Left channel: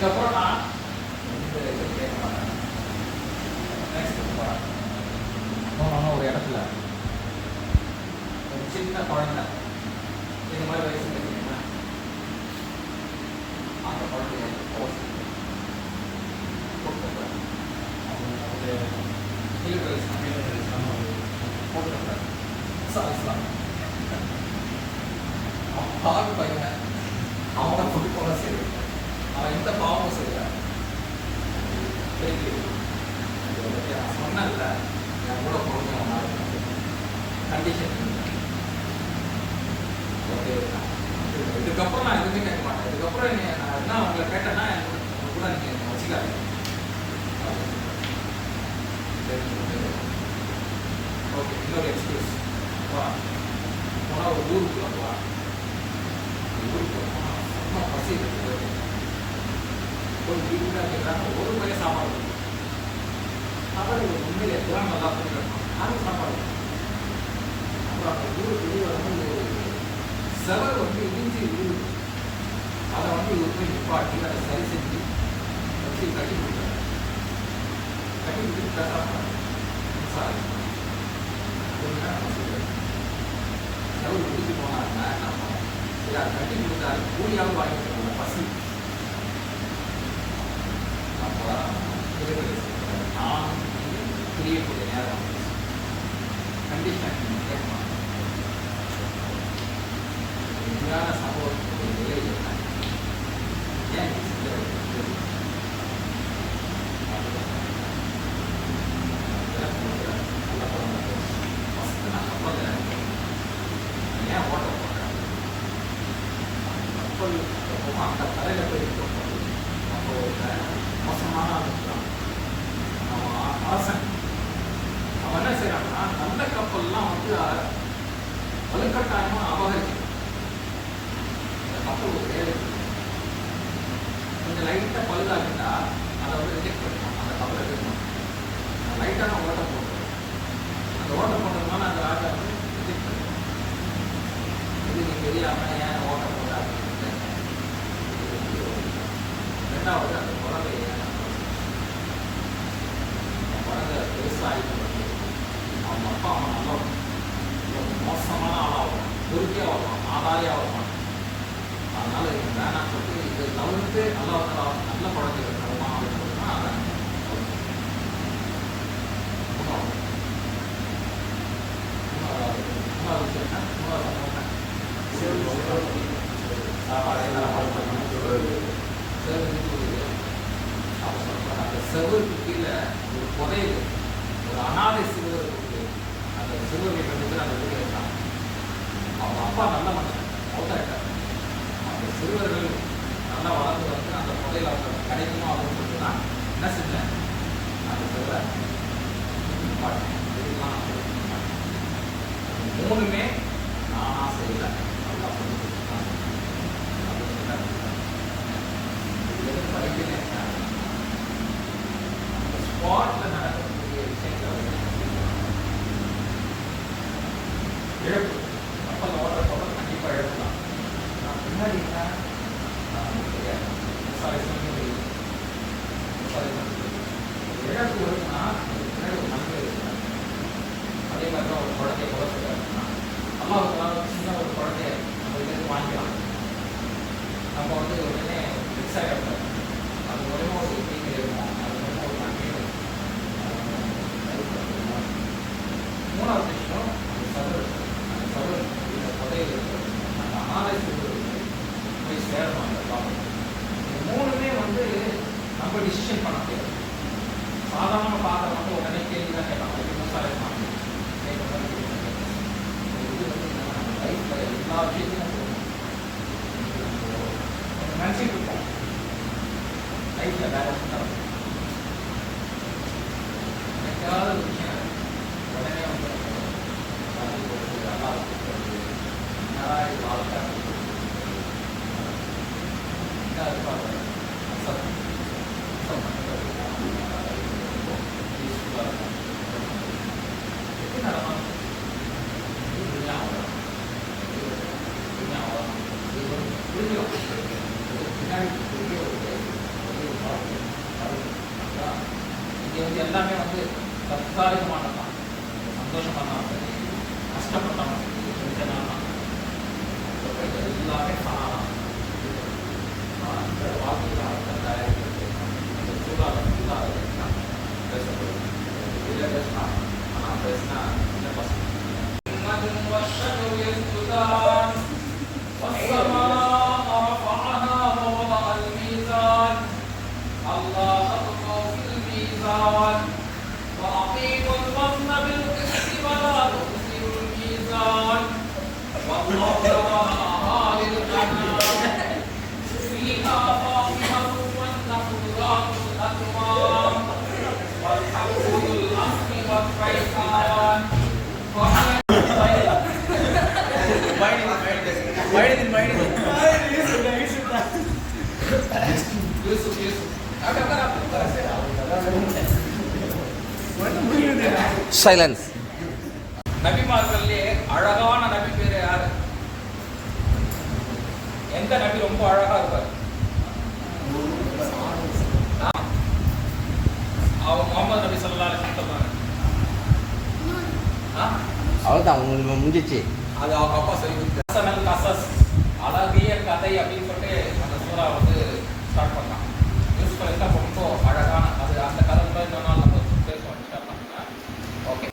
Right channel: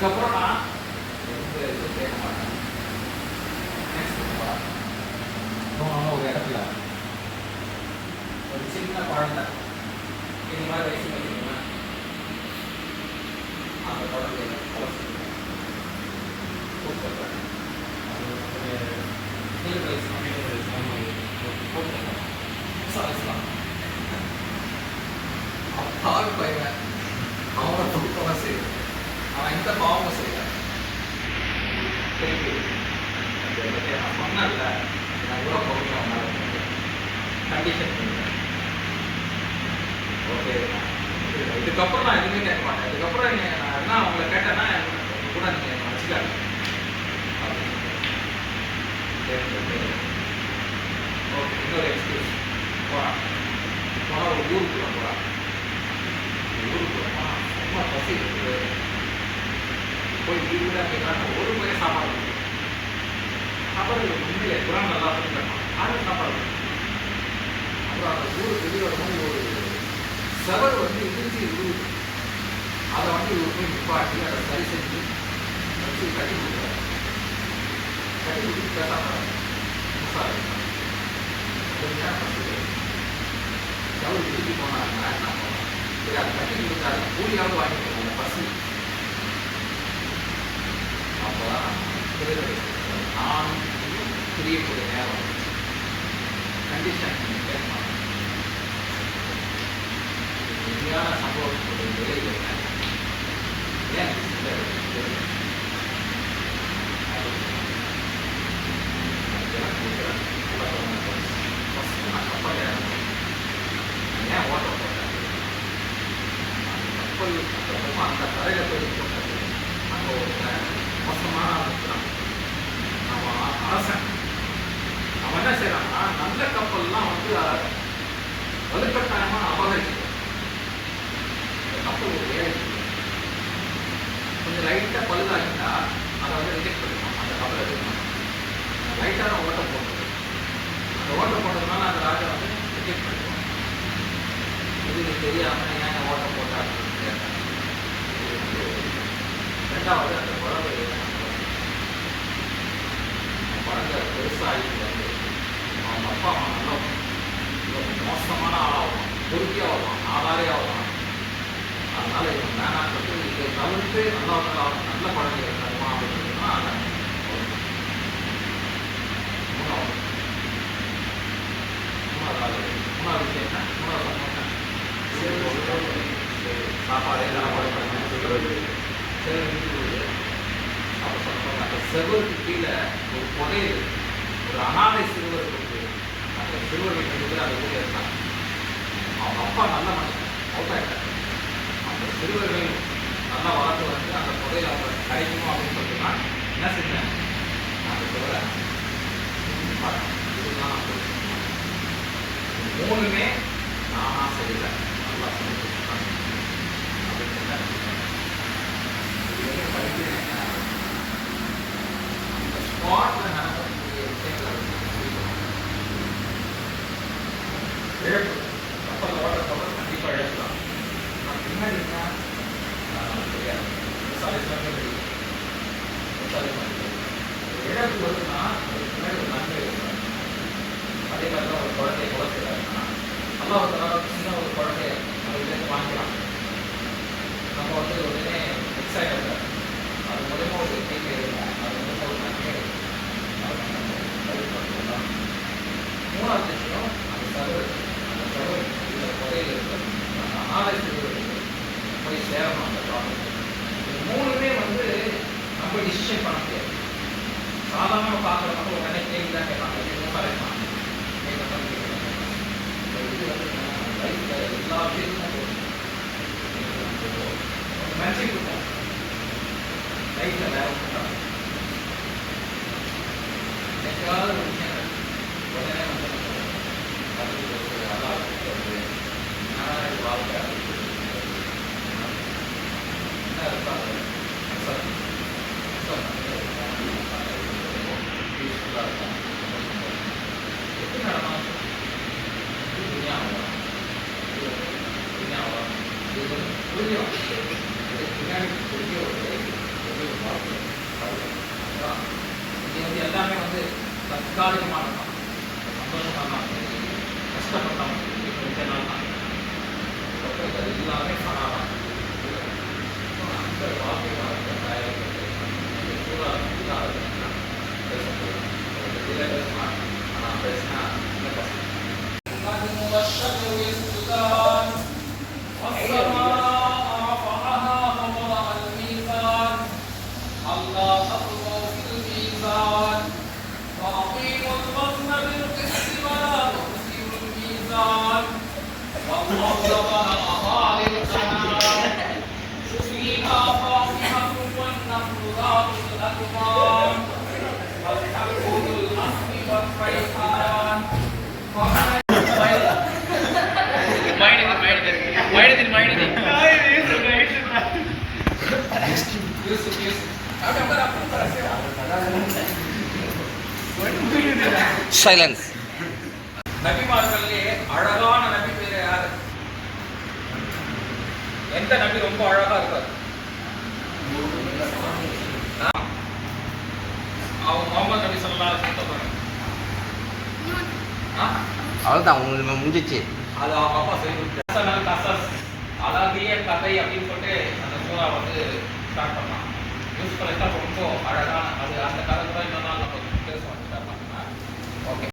இதுக்கப்புறம் நான் எந்த இது கேட்க மாட்டேன். நெக்ஸ்ட் போனோன்னா ஒரு இடத்துல ஒரு சின்ன குழந்தை இது மாதிரி வயசு வைக்கிறீங்களா, அந்த குழந்தைய பாவி பையன் அவனை துடிப்பவன் செய்ய அவன் எந்த பாவமும் செய்யல. நான் சொன்னேன்ல என் கூட போகணும் அவனால கண்டிஷன் ஓகே. இதுக்கப்புறம் நான் எதுவுமே கேட்க மாட்டேன். இதுக்கப்புறம் நான் என்ன அவங்கள கேட்டேன்னா உங்க கூட நீங்கள் வச்சுக்காது. ஓகே, இன்னொரு எக்ஸ்கியூஸ் போகிறான். போனால் ஒரு ஊருக்குள்ள போகிறான். ஊருக்குள்ள போனால் ரொம்ப பசி இருக்குது. போய் வீடு கூட கேட்குறாங்க. ஒரு முறை சாப்பாடு சாப்பாடு உண்மையிலே குரான் நல்லா சொல்லிருக்கான். யாரும் சாப்பாடு. அப்புறம் அந்த ஊருக்கு வெளியே வந்து ஒரு செவர் வந்து இடிஞ்சு விழுது. அதை வந்து இவர் போய் நிப்பாட்டி அதை சரி செஞ்சு வச்சு கட்டி கொடுக்குறாரு. கட்டி கொடுத்து பேசாமல் மின்சாரம் ஒரு நேரம் பசி செவர் இடிஞ்சு போனாருன்னா என்ன போனோம். சரி அதை கட்டி கொடுத்தாரு. கூலியாவது வாங்கிட்டு போங்க பசி. அப்போதான் நான் தெரியக்கூடிய நேரம் கண்டிஷன் கேட்கலாம். உண்மையான சம்பவத்துடைய ஏன் ஃபஸ்ட்டு நான் கப்பலில் இறந்தேன். ஏன் ஓட்ட போட்டேன்? கப்பல் அப்புறமா அந்த கரையில் போய் போட்டது அங்கே ஒரு மோசமான இருக்கிறான். அவன் அரசன். அவன் என்ன செய்யறான்னா நல்ல கப்பல்லாம் வந்து வலுக்கட்டாயமாக அபகரிக்கிறான். கப்பல் ஒரு ஏழை கொஞ்சம் லைட்டாக பழுதாகிட்டா அதை வந்து ரிஜெக்ட் பண்ணுவோம். அந்த கப்பலை எடுக்கணும். லைட்டான ஓட்டம் போடுறது. அந்த ஓட்டம் போடுறதுனால அந்த ராஜா வந்து ரிஜெக்ட் பண்ணுவோம். இது தெரியாமல் ஏன் ஓட்டம் போட்டா அப்படின்னு கேட்டாங்க. ரெண்டாவது அந்த குழந்தை குழந்தை பெருசாகிட்டு வந்து அவங்க அப்பா அம்மா நல்லா மோசமான ஆளாகும், பொறுக்கியாக வருவான், ஆதாரியாக வருவான். அதனால இவன் வேணான்னு சொல்லிட்டு இதை தவிர்த்து நல்ல குழந்தை இருக்கணுமா அப்படின்னு சொன்னா அதான் மூணாவது விஷயம் என்ன? மூணாவது சம்பவம் சாப்பாடு சாப்பாடு பண்ணணும். அப்போ சொல்லுவாங்க அந்த செவருக்கு கீழே ஒரு புதையல், ஒரு அனாதை சிறுவர் இருக்கு. அந்த சிறுவர்கள் ரெண்டு பேர் அந்த வீட்டில் இருக்காங்க. அவங்க அப்பா நல்ல மனுஷன், அவுட்டாயிட்டார். அந்த சிறுவர்கள் நல்லா வளர்ந்து வந்து அந்த புதையல் அவங்க கிடைக்குமோ அப்படின்னு சொல்லிட்டுனா என்ன செஞ்சேன்? அந்த சிறுவரை இதுதான் நான் சொல்லி மூணுமே நானா செய்யல, நல்லா சொல்லி கொடுத்துருக்காங்க அப்படின்னு சொன்னாங்க. இதுவரைக்கும் படிக்கிறேன். அந்த ஸ்பாட்டில் நடக்கக்கூடிய விஷயங்களை இழப்பு கப்பல் ஓட்ட கப்பல் கண்டிப்பாக இழக்கலாம். நான் பின்னாடி தெரியாது இழப்பு வருதுன்னா அதுக்கு பின்னாடி ஒரு நன்மை இருக்கு. அதே மாதிரி தான் ஒரு குழந்தைய வளர்த்துறாருன்னா நல்லா ஒரு சின்ன ஒரு குழந்தைய நம்ம இதுலேருந்து வாங்கிக்கலாம். நம்ம வந்து உடனே ஃபிக்ஸ் ஆகிடும். அது மூலயமா ஒரு எண்ணிக்கை இருக்கும். அது மூலமாக ஒரு நன்மை மூணாவது விஷயம் அந்த சர்வர் இந்த புதையில் இருக்கிறது அந்த அனாதை சிறுவர்களுக்கு போய் சேரணும். அந்த ப்ராப்ளம் இது மூணுமே வந்து நம்ம டிசிஷன் பண்ண முடியாது. சாதாரணமாக பார்க்குற மட்டும் உடனே கேள்வி தான் கேட்பாங்க. விவசாயம் கேட்குற மாதிரி இது வந்து லைஃப்பில் எல்லா விஷயத்துக்கும் கொஞ்சம் நினச்சிட்டு இருப்போம். லைஃப்பில் டேரக்ட் பண்ணாது எக்காவது ஒரு விஷயம் உடனே வந்து தமிழ் கொடுத்து நல்லா கொடுக்குறது என்னடா வாழ்க்கை என்ன இருப்பாங்க பீஸ்ஃபுல்லாக இருக்கும். எப்படி நடந்தாலும் துணியாவா இது வந்து புரியும். பின்னாடி பெரிய ஒரு தற்காலிகமானதான், சந்தோஷமாக தான், கஷ்டப்பட்டவன் கொஞ்ச நாள் தான், எல்லாமே காணலாம். அந்த வாழ்க்கைக்காக சூழல் பேச ஆனால் பேசினா இந்த பசங்க சைலன்ஸ். நபிமார்களே அழகான நபி பேரு யாரு? எந்த நபி ரொம்ப அழகா இருக்கார்? முகமது நபி ஸல்லல்லாஹு அலைஹி வஸல்லம். அவ்வளோதான், உங்களுக்கு முடிஞ்சிச்சு. அது அவங்க அப்பா சொல்லி கசஸ் அழகிய கதை அப்படின்னு சொல்லிட்டு அந்த சூறா வந்து ஸ்டார்ட் பண்ணலாம். யூஸ் பண்ணிட்டா ரொம்ப அழகான அது அந்த கதை கூட இன்னொரு நாள் நம்ம பேசுவோம். ஓகே.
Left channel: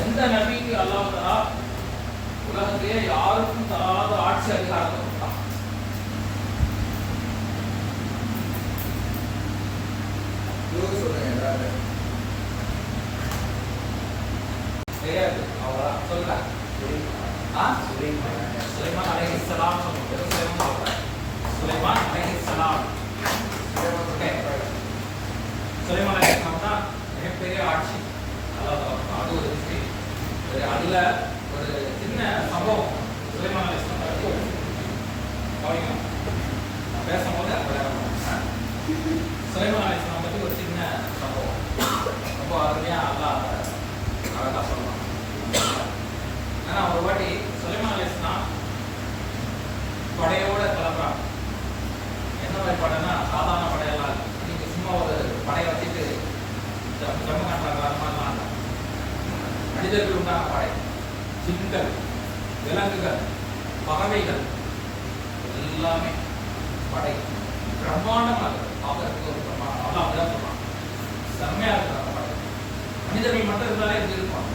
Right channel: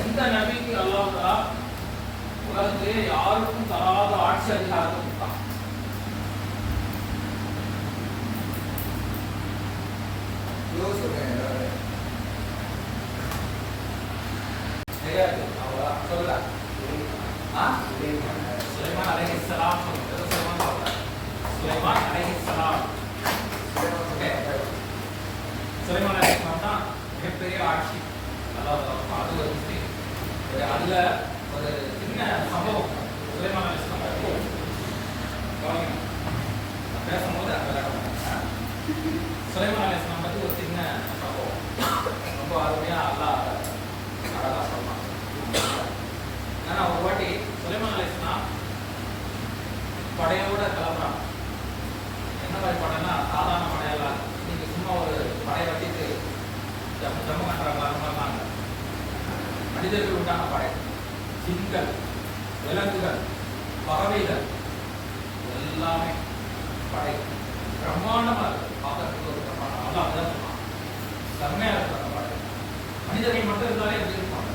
எந்த நபிக்கு அல்லாஹ் தஆலா உலகத்திலே யாருக்கும் தராத ஆட்சி அதிகாரத்தை கொடுத்தான்? தெரியாது. அவ்வளோ சொல்லுங்க. சுலைமான் அலைஹிஸ்ஸலாம் சொல்லுங்க. சுலைமான் சொல்லுங்க. சுலைமான் அலைஹிஸ்ஸலாம். ஓகே. சுலைமான் அலைஹிஸ்ஸலாம் தான் மிகப்பெரிய ஆட்சி. அது ஒரு விஷயம். அதுல ஒரு சின்ன சம்பவம் சுலைமான் அலைஹிஸ்ஸலாம் நான் பேசும்போது அது விளையாட சுலைமான் அலைஹிஸ்ஸலாம் பற்றி ஒரு சின்ன சம்பவம் ரொம்ப அருமையா அல்லாஹ் அழகா சொல்லலாம். ஆனா ஒரு வாட்டி சுலைமான் அலைஹிஸ்ஸலாம் படையோட கிளம்புறாங்க. என்ன மாதிரி படைன்னா சாதாரண படையெல்லாம் நீங்க சும்மா ஒரு படையை வச்சுட்டு ஜம்மு கட்டுறாங்க அந்த மாதிரிலாம் இல்லை. மனிதர்கள் உண்டான படை, ஜின்கள், விலங்குகள், பறவைகள் எல்லாமே படை பிரம்மாண்டமா இருக்கு. பார்க்கறதுக்கு ஒரு பிரம்மாண்டம். அவ்வளோ அப்படிதான் சொல்லுவாங்க. செம்மையா இருக்கு அந்த படை. மனிதர்கள் மட்டும் இருந்தாலே எப்படி இருக்கும்?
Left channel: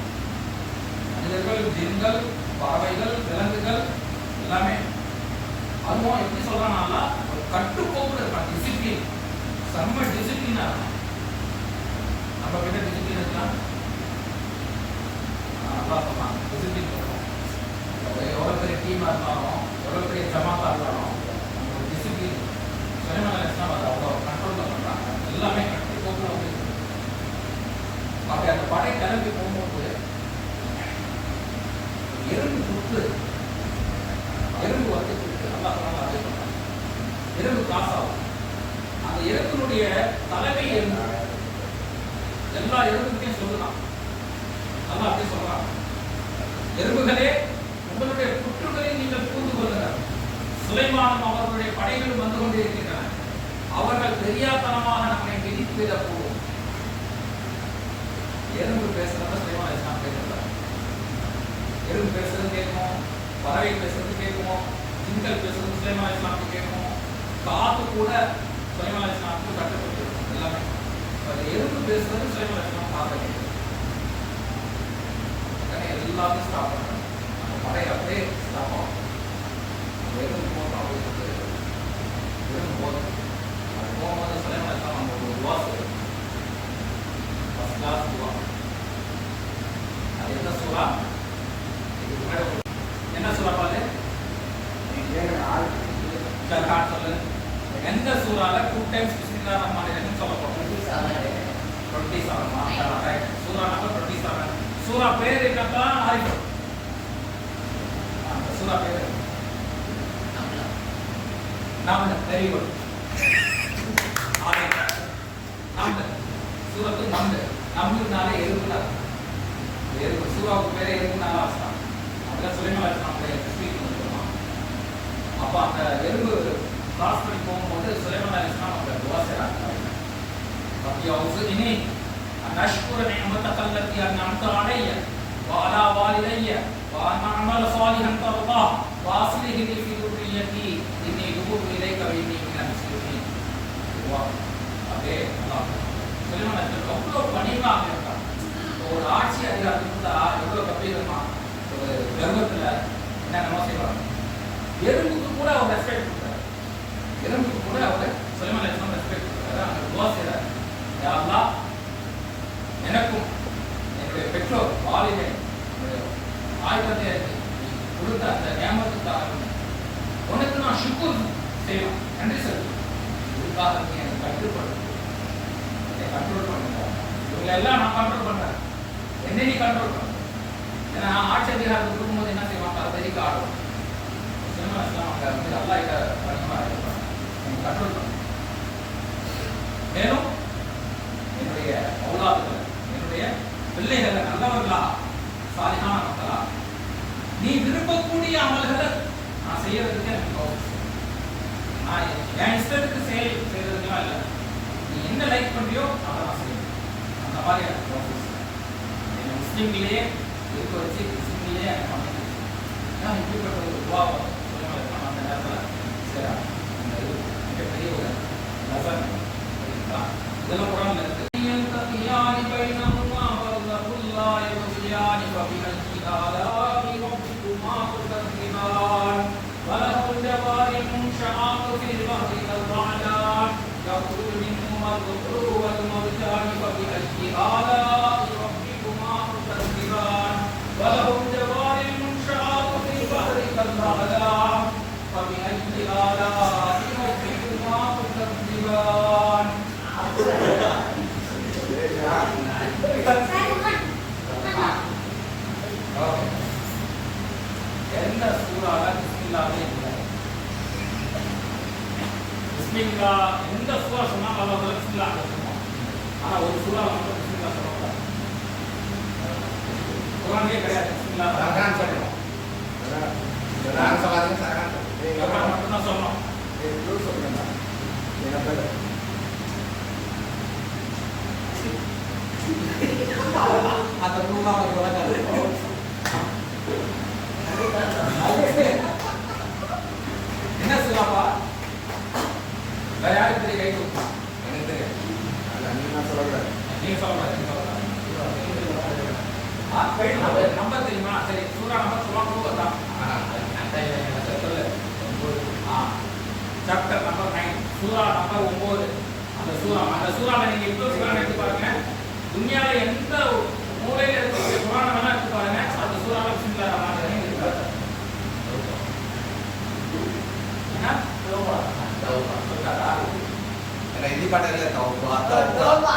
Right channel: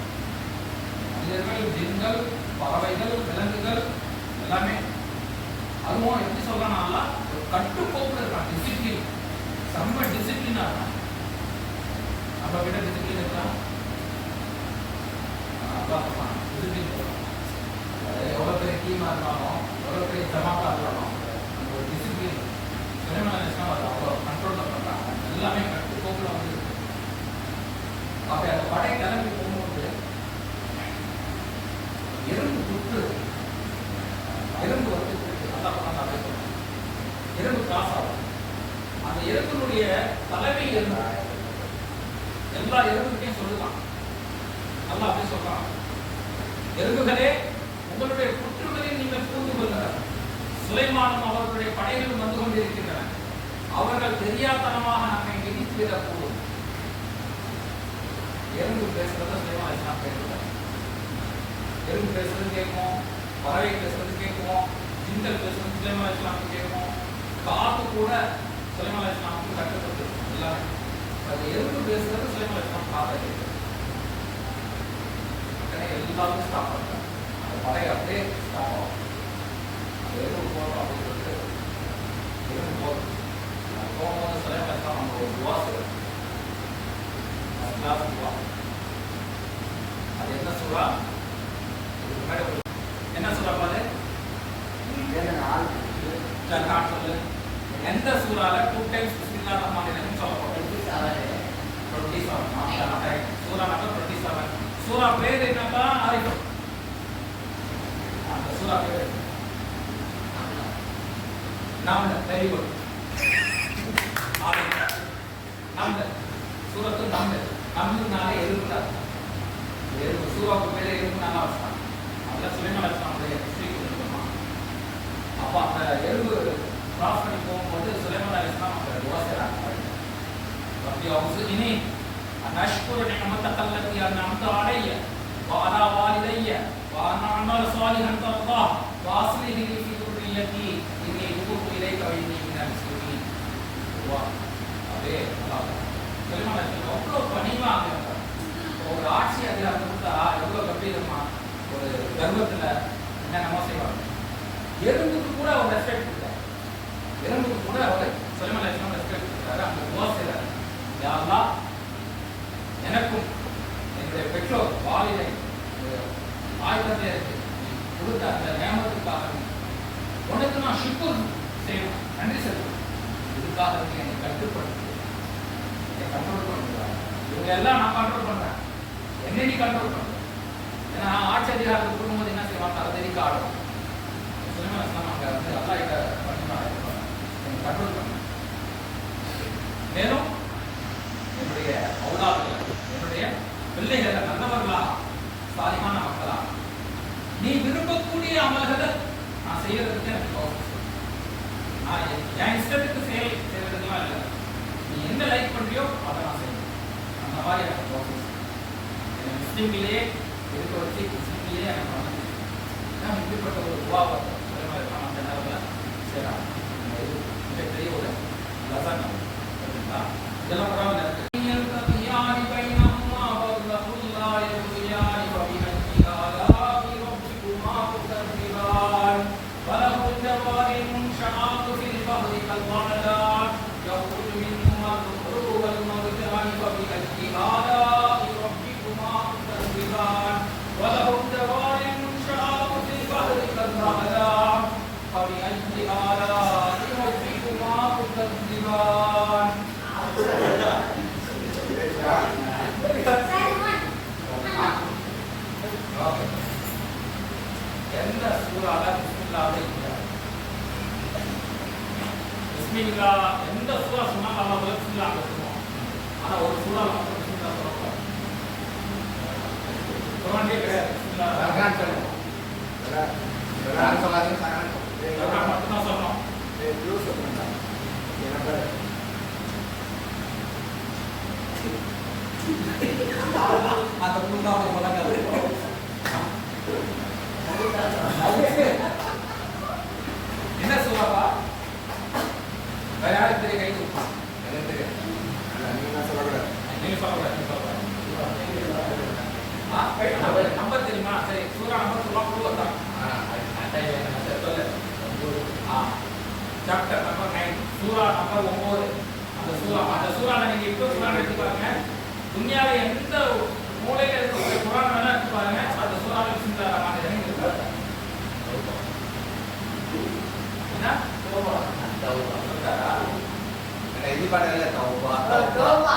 மனிதர்கள், ஜின்கள், பறவைகள், விலங்குகள் எல்லாமே. அதுவும் எப்படி சொல்றாங்கன்னா ஒரு கட்டுக்கோப்புல இருக்கான். டிசிப்ளின், செம்ம டிசிப்ளினா இருக்கான். நம்ம கிட்ட டிசிப்ளின் இருக்கலாம். எவ்வளோ பெரிய டீமாக இருந்தாலும் எவ்வளோ பெரிய ஜமாத்தா இருந்தாலும் நம்ம ஒரு டிசிப்ளின் சுலைமான் அலைஹிஸ்ஸலாம் அதை அவ்வளோ கண்ட்ரோலில் பண்ணுறாங்க. எல்லாமே கட்டுக்கோப்பில் வந்து அப்படி அந்த படை கிளம்பி போகும்போது எறும்பு புற்று எறும்பு வந்து நல்லா பண்ணாங்க. அதே சொல்றாங்க எறும்பு காசாகும். அந்த எறும்பினுடைய தலைமை எறும்பு எல்லா எறும்புகிட்டையும் சொல்லுதான். நல்லா அப்படி சொல்றாங்க, எறும்புகளே உங்களுடைய புற்றுகளில் நீங்கள் பூந்து கொள்ளுங்கள். சுலைமானும் அவர்களுடைய படைகளும் வந்து கொண்டிருக்கின்றன. அவர்கள் தெரியாதனமாக நம்மை மிதித்து விடக்கூடும். எறும்பு பேசுறத சுலைமான் அலைஹிஸ்ஸலாம் பேசுறாங்க. எறும்பு பேசுறது கேட்கும், பறவை பேசுறது கேட்கும், ஜின்கள் பேசுறது சுலைமான் அலைஹிஸ்ஸலாம் கேட்கும், காத்து கூட சுலைமான் அலைஹிஸ்ஸலாமுக்கு கட்டுப்பட்டு எல்லாமே. எறும்பு பேசுறது சுலைமான் அலைஹிஸ்ஸலாம் காத்த கேட்கும். எல்லாமே ஸ்டாப் பண்ணுறாங்க. அந்த படை அப்படியே ஸ்டாப் ஆகும். எறும்பு போட்டோம் அப்படின்னு சொல்லிட்டு எறும்பு போட்டோம். அது போகும்போது சுலைமான் அலைஹிஸ்ஸலாம் நம்ம ஒரு துவா செய்யணும். ஃபர்ஸ்ட் கிளாஸ் துவா. அது என்ன சூறா? இதுக்கு முன்னாடி என்ன சூறா பாரு? சொல்லு. எந்த சூறால 2 டைம்ஸ் பிஸ்மில்லாஹிர் ரஹ்மானிர் ரஹீம் சொல்ல போறோம்? 27 சூரா பேர் என்னக்கா ஆரிஃப்? அந்த சூரா பேர் நம்ல. Very good. ஆரிஃப் நம்ல. சூரத்து நம்ல. நம்லுனாலே எறும்புடா. எறும்பு. சூராவுக்கு பேரே எறும்புனால வச்சான். அதுல சுலைமான் அலைஹிஸ்ஸலாமுடைய ஹிஸ்டரி கொஞ்சம். அப்ப அந்த எறும்பு கிராஸ் பண்ணி போகும்போது சுலைமான் அலைஹிஸ்ஸலாம் அவங்க துஆ செய்றாங்க. ரப்பி அவுஸினி அன் அஷ்குர நிஅமதக அல்லதி அன்அம்த அலைய வஅலா வாலிதைய வஅன் அஅமல சாலிஹன் தர்தாஹ் வஅஸ்லிஹ் லி ஃபீ துர்ரிய்யதி இன்னி துபுத்து இலைக வ இன்னி மினல் முஸ்லிமீன். துஆ. அதே அல்லாஹ் சுலைமான் அலைஹிஸ்ஸலாம் ரொம்ப பணிவாக இருந்தார். ஒரு ஆட்சி அதிகாரம் கொடுத்தா எவ்வளவு கம்பீரமா ஒரு கர்வத்துல என்னென்னமோ செய்வாங்க. எறும்புக்கு கூட அவர் ரெஸ்பெக்ட் கொடுத்தார். எறும்புக்கு கூட அவர் சுலைமான் அலைஹிஸ்ஸலாம் ரெஸ்பெக்ட் கொடுத்தாரு. அந்த துஆ செய்றார். யா அல்லாஹ், எனக்கும் என்னுடைய பெற்றோர் வாலிதை ஆயுதத்தை கொடுத்த அந்த நியமத்துக்காக உனக்கு நான் ஷுக்குர் செய்யணும், நன்றி செலுத்தணும். இதுக்காக எனக்கு கட்டுப்படுத்து, என்னை கண்ட்ரோல் பண்ணுறாங்க. இவங்க எல்லாம் நான் கண்ட்ரோல் பண்றேன், என்ன நீ கண்ட்ரோல் பண்ற? ஏன்னா ஆட்சி அதிகாரத்துக்கு கொடுக்கும்போது என்ன செய்வாங்க, அதை தெரிவிக்க ஆடும். அங்க வந்து அல்லா கிட்ட பணிமா இருப்பாங்க, என்னை கண்ட்ரோல் பண்ண. மேலும் என்னுடைய அவுலாதுகளை, என்னுடைய பிள்ளைகளை நல்லவர்களா சாலிஹான மக்களா நீ விரும்பக்கூடிய அமல்களை நான் செய்யறதுக்கு எனக்கு நான் என் இஷ்டத்துக்கு செய்யறதுக்கெல்லாம் இல்லை. நீ என்ன லைக் பண்றியோ அதை நான் செய்யணும். அந்த மாதிரி எனக்கு ப்ராசஸ் என்னை முஸ்லீம்களே இருக்க வச்சு முஸ்லீம்களே எனக்கு பண்ணி நான் இப்படிப்பட்ட ஒரு துவாவை இருக்கான். அந்த நேரத்தில் செய்கிறாங்க. இந்த இது மிகப்பெரிய ஒரு லசன். ஓகேங்களா? இதெல்லாம் குரான்ல இருக்கு. وله الجوار المنشآت في البحر كالأعلام يخرج منهما اللؤلؤ والمرجان فبأي آلاء ربكما تكذبان وله الجوار المنشآت في البحر كالأعلام فبأي آلاء ربكما تكذبان. எந்த சூறால பிஸ்மில்லாஹ் இல்லை? பிஸ்மில்லாஹ் எந்த சூறா சொன்னாலும் அல்லாஹ் பிஸ்மில்லாஹ் சொல்லுவான். ஆனா ஒரு சூறா மட்டும் பிஸ்மில்லாஹ் சொல்லக்கூடாது. குர்ஆன்லயே கிடையாது பிஸ்மில்லாஹ். சரகான் சொல்லுவோம். சரகான் சொல்லாதீங்க. சரகான் மட்டும் தான் சொல்லணும். யூஸ் பண்ணுங்க. என்ன பேர்? atau rumah menggunakan என்ன சொல்லப்பா வேற யாருக்கு தெரிய கை கொடுப்பா? எனக்கு தெரியாது. நீங்க சொல்லக்கூடாது. நீங்க சொல்லக்கூடாது. நம்பர் தெரியுமா? சரி, சூரா நம்பர் சொல்ல சொல்லு. சாப்டர் நம்பர் 9, சூரா நம்பர் 9. அந்த சூறால நீங்க இப்போ குர்ஆன் எடுத்து பாருங்க. துன்யால எந்த மூலையில இருக்க குர்ஆன் வேணா எடுத்து பாருங்க. அந்த சூறால பிஸ்மில்லாஹ் ரஹ்மான் ரஹீம் இருக்கு. என்ன? தௌபா. தௌபா. சொல்றாரா? என்ன இது பாடல தௌபா. தௌபா.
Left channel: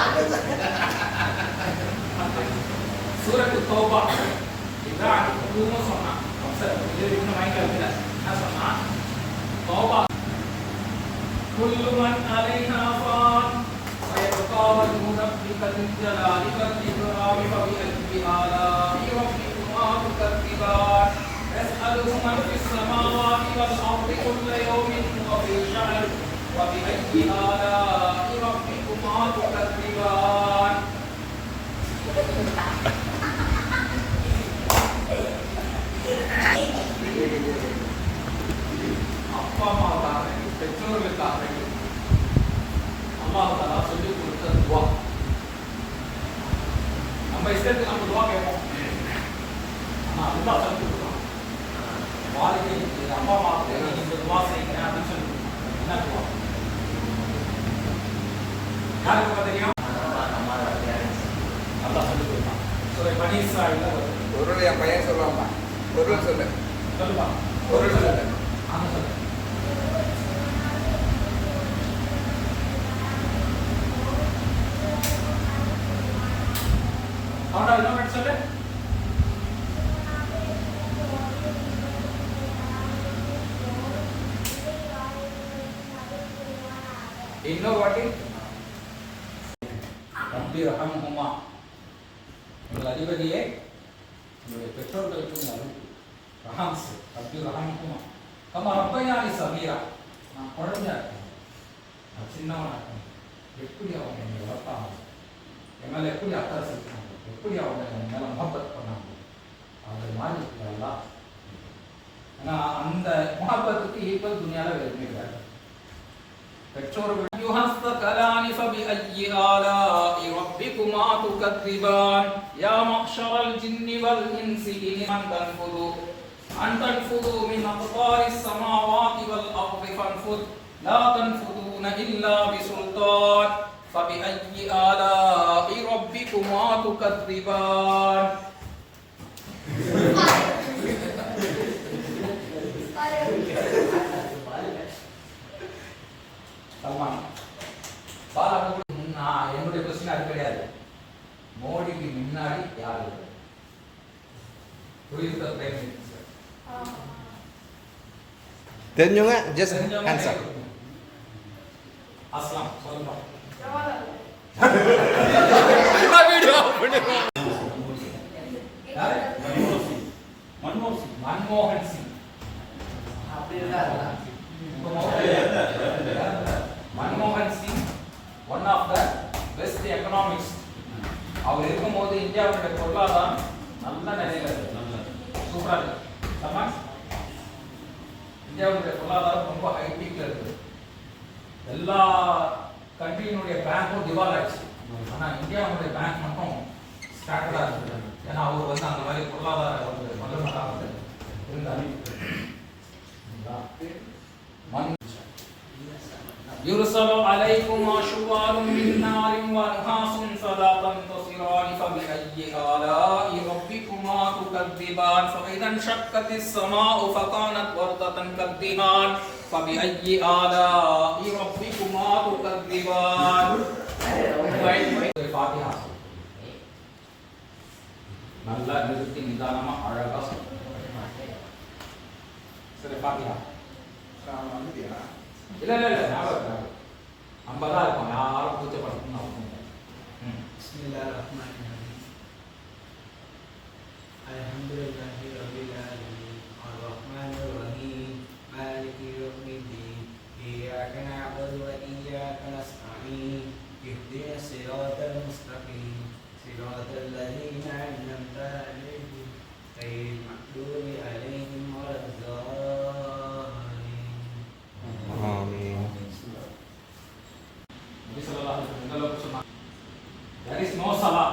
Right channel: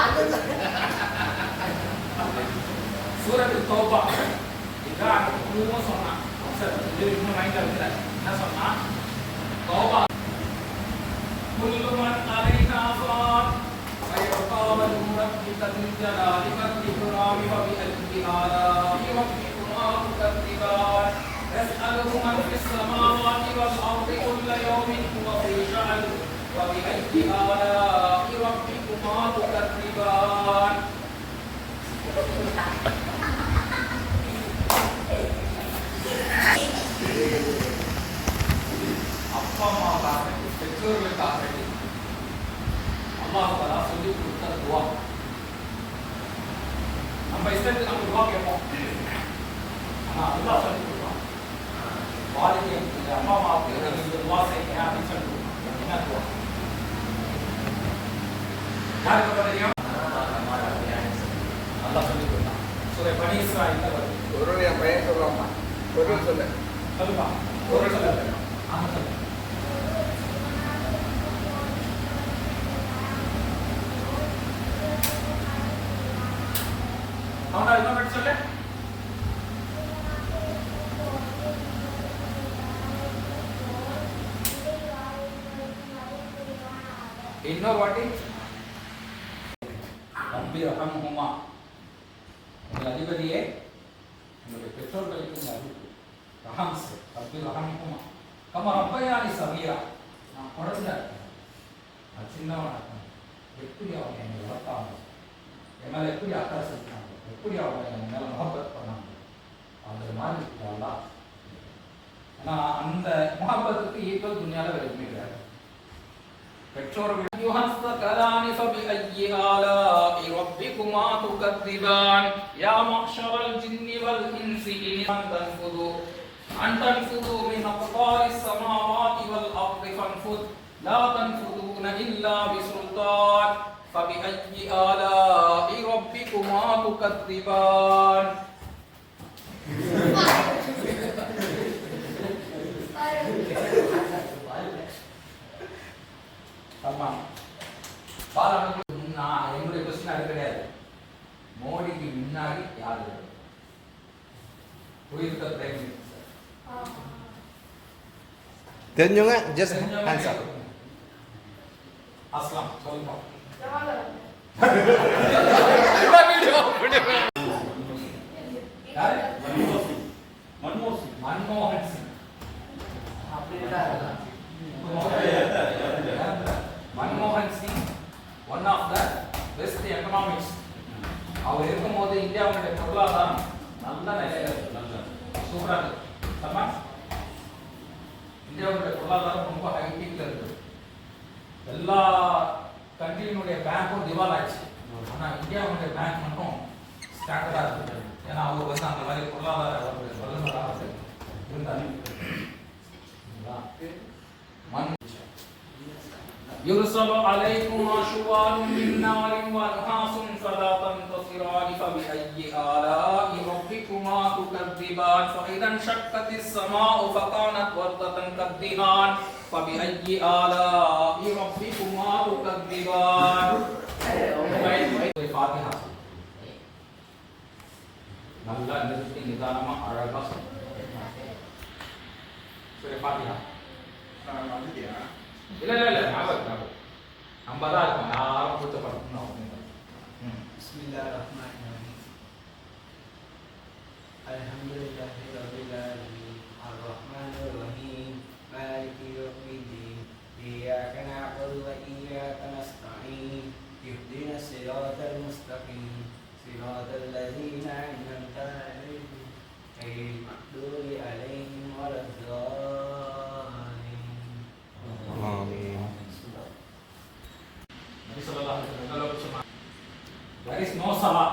சூரத்து தௌபா. இதான் குருமா சொன்னா. சரி, இது இன்னும் மைண்ட்ல இருக்குல. என்ன சொன்னா? தௌபா. குல்லு மன் அலைஹா ஃபான் ويبقى وجه ربك ذو الجلال والإكرام فبأي آلاء ربكما تكذبان يسأله من في السماوات والأرض كل يوم هو في شأن وبأي آلاء ربكما تكذبان. அப்பா அம்மாவுக்காக பெற்றோர்களுக்காக அல்லாஹ் தஆலா சொல்லி கொடுத்த துஆ. நம்ம இஷ்டத்துக்கு நம்ம துஆ கேட்போம். நம்ம அல்லாஹ் சொல்லி கொடுக்குறோம். வாலிதை அப்பா அம்மாவுக்கு இந்த துஆ செய்யுங்க அப்படின்னு சொல்லி என்ன துஆ? யாருக்கு தெரியும்? அல்லாஹ் சொல்லி கொடுத்தான். சூரா பனி இஸ்ராயீல்ல ஒரு என் பையன் சொல்லுவாங்க. பொருள் சொல்லு. சொல்லுப்பா. பொருள் சொல்லு. ஆமா சொல்லு. அவனா இன்னொரு சொல்லு. இன்னொரு வாட்டி ரப்பி ரஹம்ஹுமா, எங்கள் அதிபதியே என்னுடைய பெற்றோர்களுக்கு இந்த அறிவு ரஹம்ஸ் ரப்பி ரஹம்ஹுமா கமா ரப்பயானி சபீரா, நான் குழந்தையா இருக்கேன், நான் சின்னவனா இருக்கேன், எப்படி அவங்க என்னை வளர்த்தாங்க, என் மேலே எப்படி அக்கறை செலுத்தினாங்க, எப்படி அவங்க என் மேலே முகப்பத் பண்ணாங்க, அது மாதிரி இருக்கிறாங்களா. ஏன்னா அந்த முகப்பத்துக்கு ஈக்குவல் துணியால விரும்புகிறாங்க பெற்றோர்கள். யுஹஸ்தகலானி ஃபபிஅய்யி ஆலாஇ ரப்பிகுமா துகத்திபான் யா மஹ்ஷரல் ஜின்னி வல் இன்சி இன் தன்ஃபுது மின் அக்தாரிஸ் ஸமாவாதி வல் அர்தி ஃபன்ஃபுத் லா தன்ஃபுதுன இல்லா பிசுல்தான் ஃபபிஅய்யி ஆலாஇ ரப்பிகுமா துகத்திபான். என்னுடைய கொஸ்டின் அது கிடையாது. மோடிக்கு முன்னாடி யார் தெரிஞ்சவங்க ஜஸ்ட் ஹேண்ட்ஸ் அப். அஸ்லாம் சொல்லுங்க. மன்மோகன் சிங் மன்மோகன் Singh one of the best economics. அவர் இருக்கும்போது இந்தியாவுடைய பொருளாதாரம் நல்ல நிலையில இருக்கு, சூப்பரா இருக்கு. இந்தியாவுடைய பொருளாதாரம் ரொம்ப ஹைபீக்ல இருக்கு. எல்லா கண்ட்ரியினுடைய பேங்க்கும் திவால் ஆயிடுச்சு, ஆனா இந்தியாவுடைய பேங்க் மட்டும் ஸ்டாண்டர்டா இருக்கு. ஏன்னா அவர் வந்து அந்த மாதிரி பொருளாதார வல்லமையாக இருந்தார். يرسل عليكم شواظ من نار ونحاس فلا تنتصران فبأي آلاء ربكما تكذبان فإذا انشقت السماء فكانت وردة كالدهان فبأي آلاء ربكما تكذبان. الفاتحة நல்ல நிறுத்தி நிதானமா அழகா சொல்லுங்க. சரி ஃபாத்திஹா வந்துட்டியா? இல்ல இல்ல இல்ல ஞாபகம் நம்ம தான் இருக்கோம், யாரும் கூச்சப்படணும்னு அவசியம் இல்லை. பிஸ்மில்லாஹிர் ரஹ்மானிர் ரஹீம். அல்ஹம்துலில்லாஹி ரப்பில் ஆலமீன் அர் ரஹ்மானிர் ரஹீம் மாலிகி யௌமிddin இய்யாக நஅபுது வ இய்யாக நஸ்தஈன் இஹ்தினஸ் ஸிராத்தல் முஸ்தகீம் ஸிராத்தல் லதீன அன்அம்த அலைஹிம் கய்ரில் மக்தூபி அலைஹிம் வலத்தாலின். ஆமீன். நபி ஸல்லல்லாஹு அலைஹி வஸல்லம் சொன்னாங்க, there is no salah,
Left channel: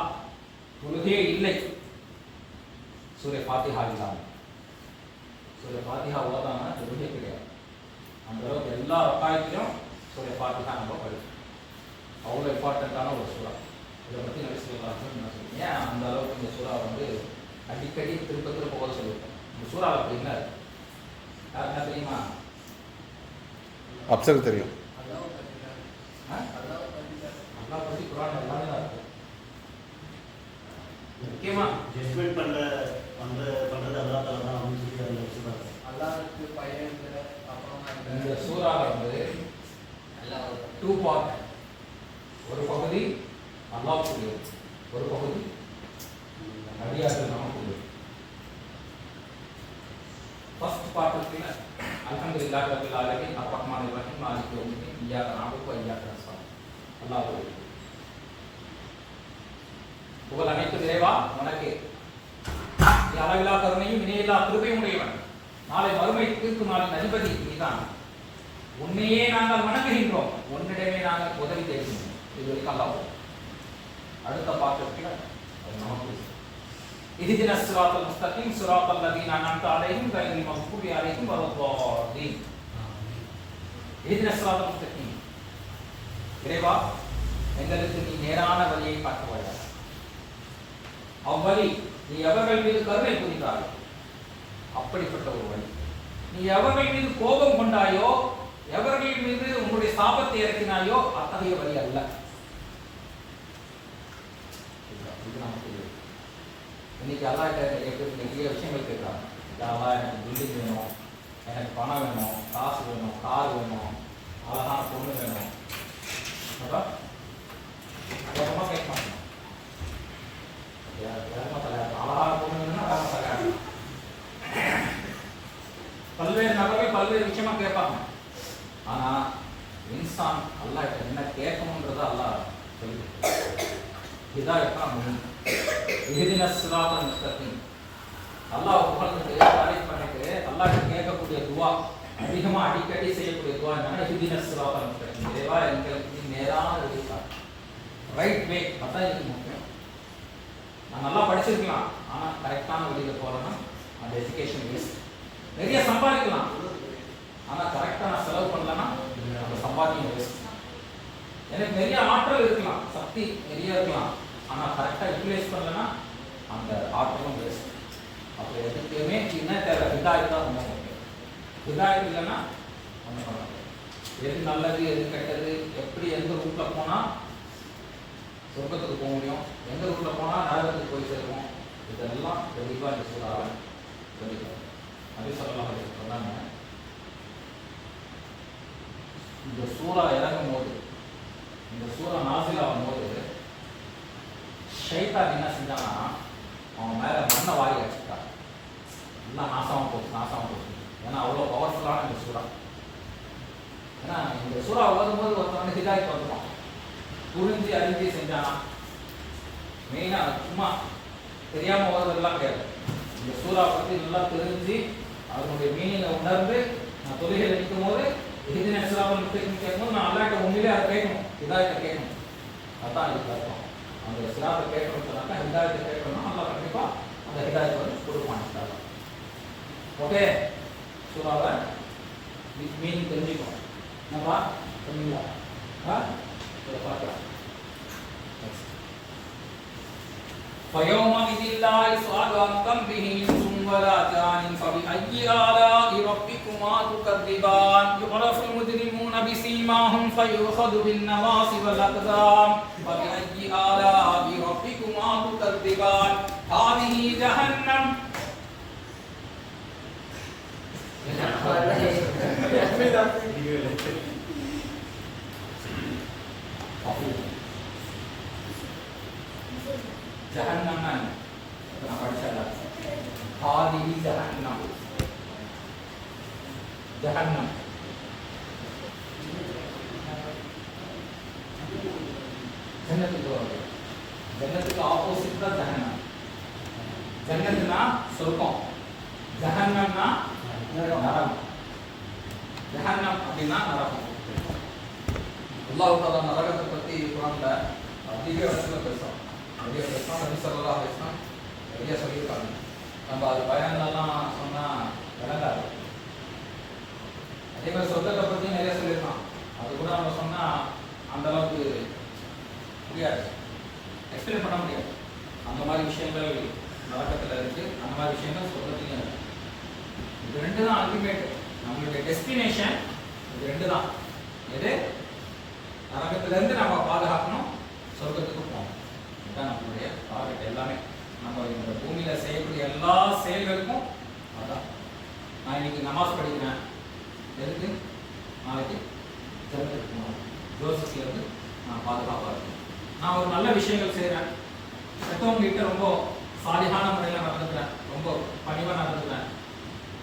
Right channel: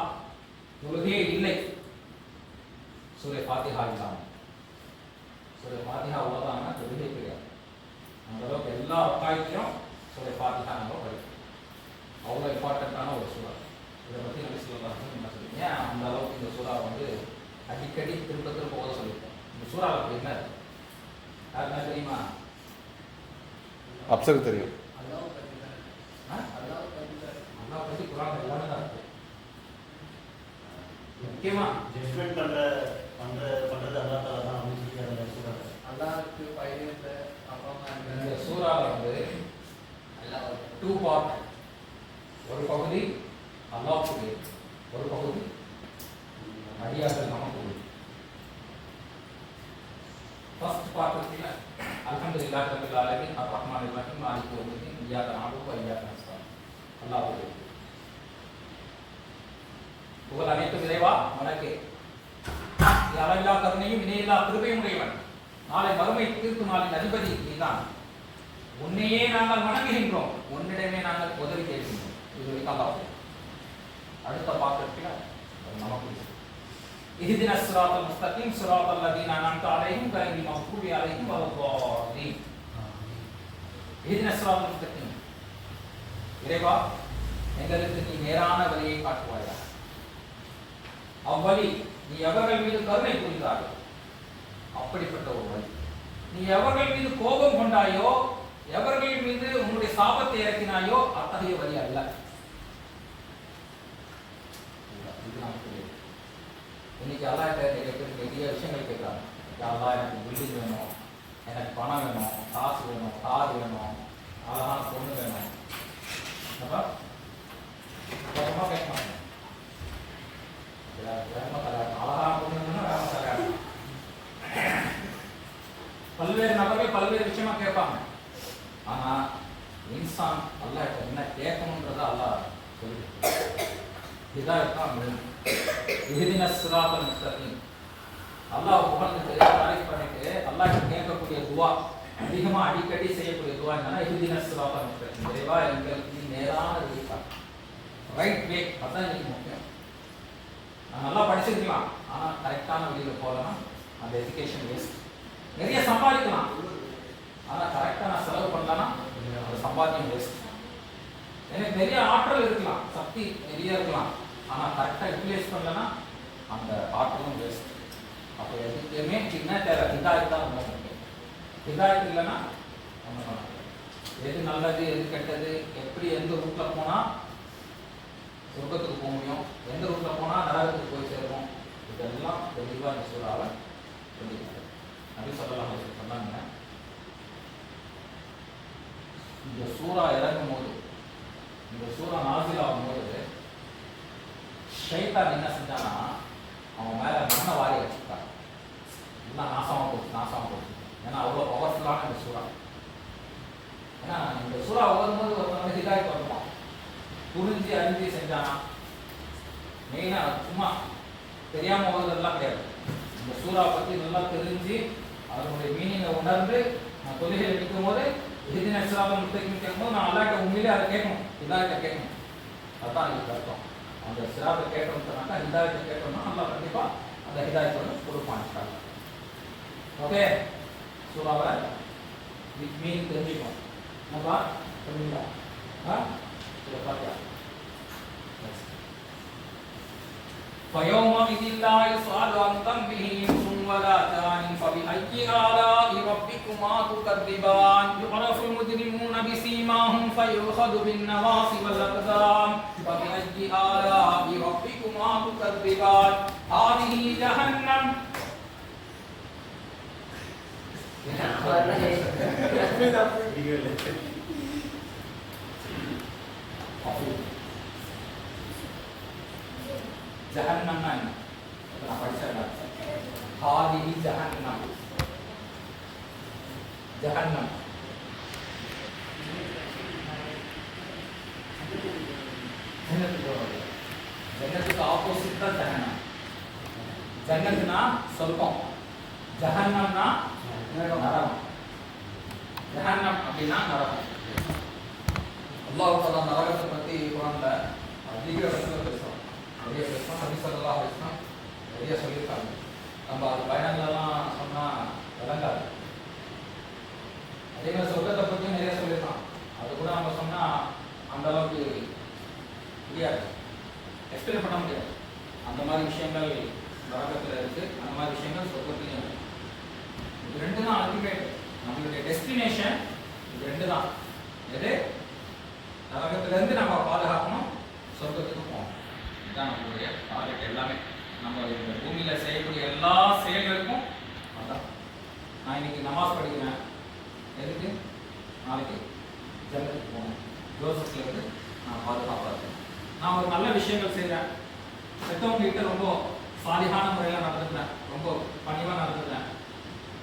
தொழுகை இல்லை சூரே ஃபாத்திஹா இல்லாம. சூரே ஃபாத்திஹா ஓதாம தொழுகை கிடையாது. அந்த அளவுக்கு எல்லா அக்காயத்திலும் சூரே ஃபாத்திஹா நம்ம படிக்கணும். அவ்வளோ இம்பார்ட்டண்ட்டான ஒரு சூறா. இதை பற்றி நபி ஸல்லல்லாஹு அலைஹி வஸல்லம் என்ன சொல்லுங்க, ஏன் அந்த அளவுக்கு இந்த சூறா வந்து அடிக்கடி திரும்ப திரும்ப ஓத சொல்லியிருக்கேன். இந்த சூறாவில் அப்படி என்ன யாருன்னா தெரியுமா? அப்சர் தெரியும். அல்லாஹ் பற்றி குர்ஆன் எல்லாமே தான் இருக்கு. முக்கியமா ஜட்ஜ்மென்ட் பண்றது அல்லாஹ் தஆலா தான் அவங்க சொல்லி அதை சொல்றாங்க. அல்லாஹ்வுக்கு பயந்து இந்த சூறாவில் வந்து டூ பார்ட். ஒரு பகுதி அல்லாஹ்வுக்கு, ஒரு பகுதி அடியார்கள் நமக்கு. ஃபர்ஸ்ட் பார்ட் இருக்குல்ல, அல்ஹம்துலில்லாஹி ரப்பில் ஆலமீன் அர் ரஹ்மானிர் ரஹீம் மாலிகி யௌமிddin இய்யாக நஅபுது வ இய்யாக நஸ்தஈன். அல்லாஹ் புகழ் அனைத்து இறைவா உனக்கே, நீ அளவில்லா கருணையும் இணையில்லா கிருபையும் உடையவன், நாளை மறுமை தீர்ப்பு நாளின் அதிபதி நீதான். உன்னையே நாங்கள் வணங்குகின்றோம், உன்னிடமே நாங்கள் உதவி தேடுகின்றோம். இது வரைக்கும் அல்லாஹ். அடுத்த பாத்திரத்தில் நமக்கு இஹ்தினஸ் ஸிராத்தல் முஸ்தகீம் ஸிராத்தல் லதீன அன்அம்த அலைஹிம் கய்ரில் மக்தூபி அலைஹிம் வலத்தாலீன். இஹ்தினஸ் ஸிராத்தல் முஸ்தகீம், இறைவா எங்களுக்கு நீ நேரான வழியை காட்டுவாயாக. அவ்வழி நீ எவர்கள் மீது கருணை புரிந்தாயோ அப்படிப்பட்ட ஒரு வழி. நீ எவர்கள் மீது கோபம் கொண்டாயோ, எவர்கள் மீது உன்னுடைய சாபத்தை இறக்கினாயோ அத்தகைய வழி அல்ல. இது நமக்கு இன்னைக்கு அல்லாஹ்கிட்ட நிறைய பேர் நிறைய விஷயங்கள் கேட்குறாங்க. அல்லாஹ் எனக்கு பில்டிங் வேணும், எனக்கு பணம் வேணும், காசு வேணும், கார் வேணும், அழகான பொண்ணு வேணும், அதான் வேகமாக கேட்க மாட்டேன். வேகமாக தலையாடணும். அழகாக பொண்ணுங்கன்னா வேகமாக தலையாடணும். பல்வேறு நபர்கள் பல்வேறு விஷயமா கேட்பாங்க. ஆனா இன்சான் அல்லாஹ் கிட்ட என்ன கேட்கணும்ன்றத அல்லாஹ் சொல்லி ஹிதாயத் தான் முக்கியம். இஹ்தினஸ் ஸிராத்தல் முஸ்தகீம். அல்லாஹ் புகழ்ந்து தாரீஃப் பண்ணிட்டு அல்லாஹ் கிட்ட கேட்கக்கூடிய துஆ, அதிகமா அடிக்கடி செய்யக்கூடிய துஆ என்னன்னா இஹ்தினஸ் ஸிராத்தல் முஸ்தகீம். இறைவா எங்களுக்கு நேரான வழி காட்டு, ரைட் வே. அதான் எனக்கு முக்கியம். நான் நல்லா படிச்சிருக்கலாம், ஆனா கரெக்டான வழியில போகலன்னா அந்த எஜுகேஷன் வேஸ்ட். நிறைய சம்பாதிக்கலாம், ஆனா கரெக்டா நான் செலவு பண்ணலன்னா அந்த சம்பாத்தியம் வேஸ்ட். எனக்கு நிறைய ஆற்றல் இருக்கலாம், சக்தி நிறைய இருக்கலாம், ஆனா கரெக்டா யூட்டிலைஸ் பண்ணலன்னா அந்த ஆற்றலும் வேஸ்ட். அப்போ எதுக்குமே என்ன தேவை? ஹிதாயத் தான் ரொம்ப முக்கியம். ஹிதாயத் இல்லைன்னா ஒன்றும் பண்ண முடியாது. எது நல்லது எது கெட்டது, எப்படி எந்த ரூட்ல போனா சொர்க்கத்துக்கு போக முடியும், எந்த ரூட்ல போனா நரகத்துக்கு போய் சேருவோம், இதெல்லாம் தெளிவா இந்த சூறாவை சொல்லிக்கிறாங்க. நபி ஸல்லல்லாஹு அலைஹி வஸல்லம் சொன்னாங்க, இந்த சூறா இறங்கும் போது, இந்த சூறா நாசில் ஆகும் போது ஷைத்தான் என்ன செஞ்சானா அவன் மேல மண்ணை வாரி வச்சுட்டான். எல்லாம் நாசமாக போச்சு. ஏன்னா அவ்வளோ பவர்ஃபுல்லான இந்த சூறா. ஏன்னா இந்த சூறா ஓதும்போது ஒருத்தன் வந்து ஹிதாயத் வந்துவான், புரிஞ்சு அறிஞ்சு செஞ்சானா. மெயினா சும்மா தெரியாம ஓதுறதுலாம் கிடையாது. இந்த சூறா பத்தி நல்லா தெரிஞ்சு அதனுடைய மீனிங்கை உணர்ந்து நான் தொழுகையில் நிற்கும் போது இஹ்தினஸ் ஸிராத்தல் முஸ்தகீம் கேட்கும்போது நான் அல்லாஹ்கிட்ட உண்மையிலே அதை கேட்கணும், ஹிதாயத்தை கேட்கணும். அதான் இதுக்கு அர்த்தம். அந்த ஸிராத்தை கேட்கணும்னு சொன்னாக்கா ஹிதாயத்தை கேட்கணும்னா அல்லாஹ் கண்டிப்பா அந்த ஹிதாயத்தை வந்து கொடுப்பான். ஓகே, சூறாவை மீனிங் தெரிஞ்சுக்கணும். என்னப்பா தெரிஞ்சுக்கலாம்? இதை பார்க்கலாம். فيومئذ لا يسأل عن ذنبه إنس ولا جان فبأي آلاء ربكما تكذبان يعرف المجرمون بسيماهم فيؤخذ بالنواصي والأقدام فبأي آلاء ربكما تكذبان هذه جهنم ஜஹன்னம்னா நான் படிச்சேன். ஹாதிஹி ஜஹன்னம். ஜஹன்னம் ஜன்னத்துக்கு ஆப்போசிட் தான் ஜஹன்னம். ஜன்னத்னா சொர்க்கம், ஜஹன்னம்னா நரகம். ஜஹன்னம் அப்படின்னா நரகம். அல்லாஹ் தஆலா நரகத்தை பத்தி குர்ஆன்ல அதிக இடத்துல பேசுறான். நிறைய பேசுறான். நபி ஸல்லல்லாஹு அலைஹி வஸல்லம் நிறைய சொல்லியிருக்காங்க. நம்ம அது பயான்லாம் சொன்னா விளங்காது. அதே மாதிரி சொர்க்கத்தை பத்தி நிறைய சொல்லியிருக்கான். அது கூட நம்ம சொன்னா அந்த அளவுக்கு புரியாது, எக்ஸ்பிளைன் பண்ண முடியாது. அந்த மாதிரி விஷயங்கள் நரகத்தில் இருக்கு, அந்த மாதிரி விஷயங்கள் சொர்க்கத்துலையும் இருக்கு. இது ரெண்டு தான் அல்டிமேட், நம்மளுடைய டெஸ்டினேஷன் இது ரெண்டு தான். எது? நரகத்திலிருந்து நம்ம பாதுகாக்கணும், சொர்க்கத்துக்கு போகணும். இதுதான் நம்மளுடைய டார்கெட். எல்லாமே நம்ம இந்த பூமியில செய்யக்கூடிய எல்லா செயல்களுக்கும் அதுதான். நான் இன்னைக்கு நமாஸ் படிக்கிறேன், எதுக்கு? நாளைக்கு ஜன்னத்துக்கு போகணும், ஜோசப்ல இருந்து நான் பாதுகாப்பாக இருக்கேன். நான் ஒரு நல்ல விஷயங்கள் செய்கிறேன், பெற்றவங்க கிட்ட ரொம்ப சாலிகான முறையில் நடந்துக்கிறேன், ரொம்ப பணிவாக நடந்துக்கிறேன்,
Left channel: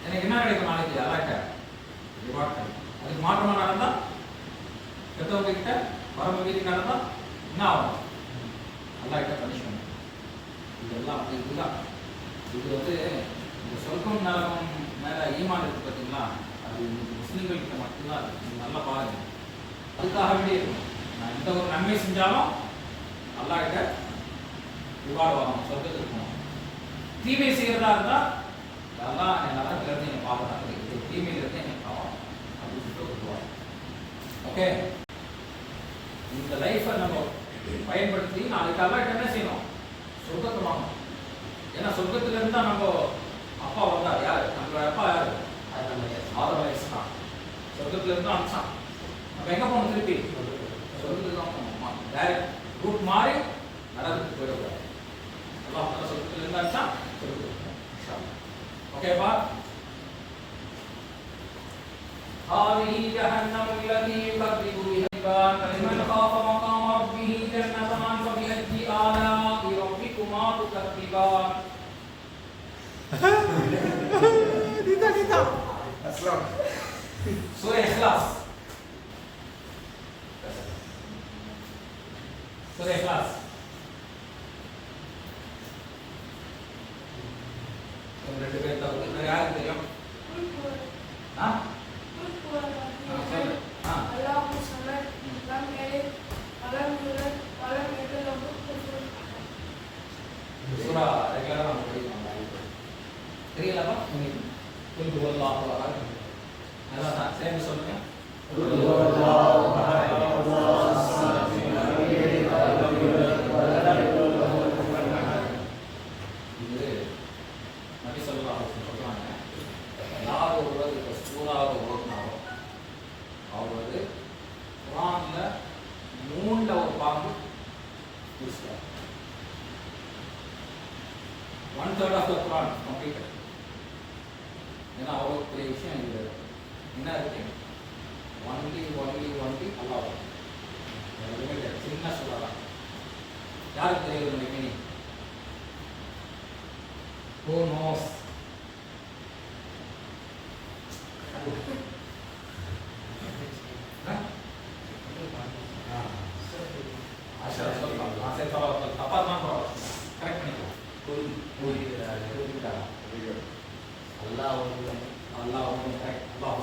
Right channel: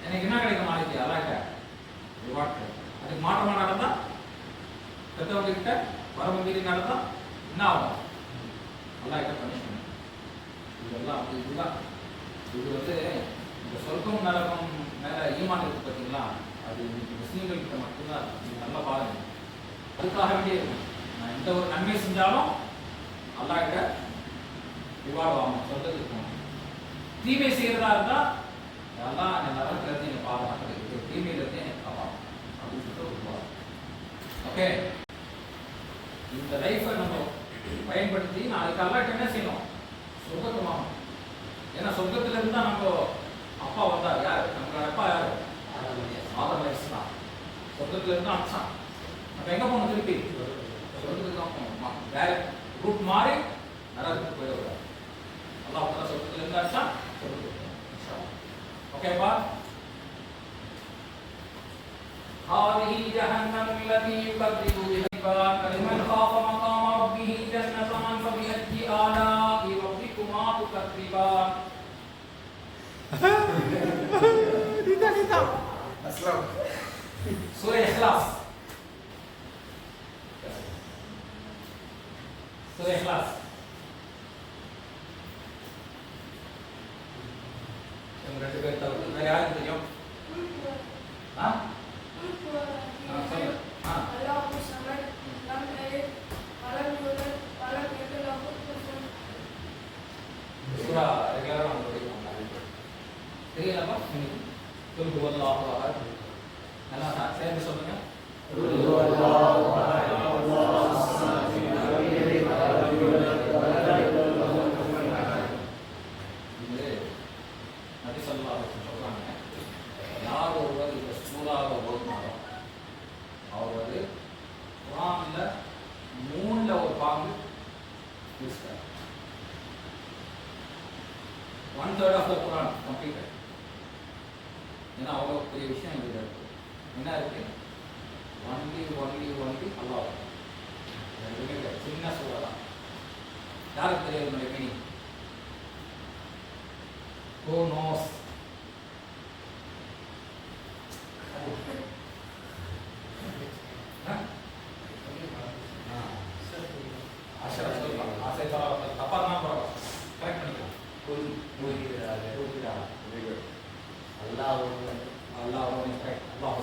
எனக்கு என்ன கிடைக்கும்? நாளைக்கு அல்லாஹ்கிட்ட ரிவார்ட் கிடைக்கும். அதுக்கு மாற்றமாக நடந்தால், பெற்றவங்க கிட்ட வரம்பு மீறி நடந்தால் என்ன ஆகும்? அல்லாஹ்கிட்ட பனிஷ்மெண்ட். இதெல்லாம் அப்படி இதுதான். இது வந்து இந்த சொர்க்கம் நரகம் மேலே ஈமான் இருக்கு பார்த்தீங்களா, அது இன்னைக்கு முஸ்லீம்கள்கிட்ட மட்டும்தான் இருக்கு. நீங்கள் நல்லா பாருங்க. அதுக்காக வேண்டிய நான் எந்த ஒரு நன்மை செஞ்சாலும் அல்லாஹ்கிட்ட ரிவார்டு வாங்கணும், சொர்க்கத்துக்கு போகணும். தீமை செய்கிறதா இருந்தால் அதெல்லாம் என் நரகத்திலேருந்து என்னை பாதுகாக்கிறது, தீமையிலேருந்து என்னை காவாங்க அப்படின்னு சொல்லிட்டு ஒரு ஓகே. இந்த லைஃப்பை நம்ம பயன்படுத்தி நாளைக்கு அல்லாஹ்கிட்ட என்ன செய்யணும்? சொர்க்கத்தை வாங்கணும். ஏன்னா சொர்க்கத்திலேருந்து தான் நம்ம அப்பா வந்தார். யார் நம்மளோட அப்பா? யார்? ஆதம் அலைஹிஸ்ஸலாம். சொர்க்கத்திலேருந்து அனுப்பிச்சான். நம்ம எங்கே போகணும்? திருப்பி சொர்க்கத்துக்கு தான் போகணும். டைரக்ட் ரூட் மாறி நரகத்துக்கு போயிடக்கூடாது. அல்லாஹ் தஆலா சொர்க்கத்திலேருந்து அனுப்பிச்சா சொர்க்கத்துக்கு போகணும். ஓகேப்பா? هذه جهنم التي يكذب بها العباد فمن خاف وفيه جنتان فبأي آلاء ربكما تكذبان. Surah Ikhlas. Surah Ikhlas. Yang berada di tahu dari ayat itu ya. Hah? Surah ada orang தெரியலமா உங்களுக்கு குல் ஹுவல்லாஹு அஹத் நல்லா தான் சேர்ந்து சொல்லுங்க குல் ஹுவல்லாஹு அஹத் அல்லாஹுஸ் ஸமத் நபி ஸல்லல்லாஹு அலைஹி வஸல்லம் சொல்றாங்க யார் ஒருவர் இந்த சூறாவை ஓதுனாரோ அவர் வந்து குர்ஆன்ல மூணுல ஒரு பாகம் முடிச்சிட்டார். 1/3 of the Quran completed. ஏன்னா அவ்வளோ பெரிய விஷயம் இது என்ன இருக்கு ஒன்லி அல்லாஹ் சின்ன சொல்லலாம் யாருக்கு தெரியாது மீனிங் who knows தப்பா தான் கரெக்ட் பண்ணிக்கலாம் அல்லாஹ் ஒருவன் கரெக்ட் அல்லாஹ்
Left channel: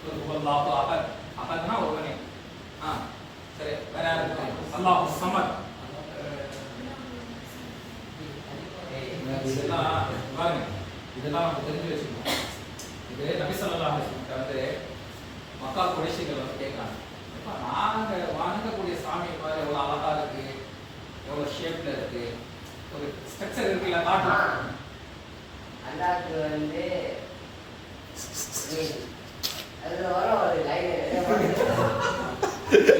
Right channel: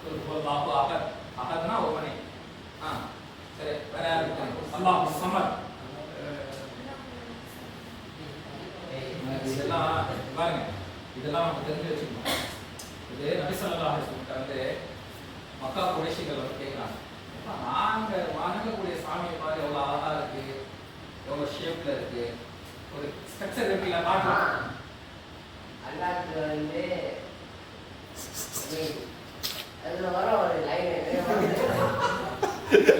குல் ஹுவல்லாஹு அஹத் அஹத்னா ஒருவனே சரி வேற யாரு அல்லாஹுஸ் ஸமத் இதெல்லாம் பாருங்க இதெல்லாம் நம்ம தெரிஞ்சு வச்சுக்கணும். இது நபி ஸல்லல்லாஹு அலைஹி வஸல்லம் வந்து மக்கா குறைஷிகள் வந்து கேட்குறாங்க நாங்க வணங்கக்கூடிய சாமியை பாரு எவ்வளோ அழகா இருக்கு எவ்வளோ ஷேப்ல இருக்கு ஒரு ஸ்ட்ரக்சர் இருக்குல்ல காட்டலாம் அல்லாஹ்க்கு வந்து அதுல வர ஒரு லைன்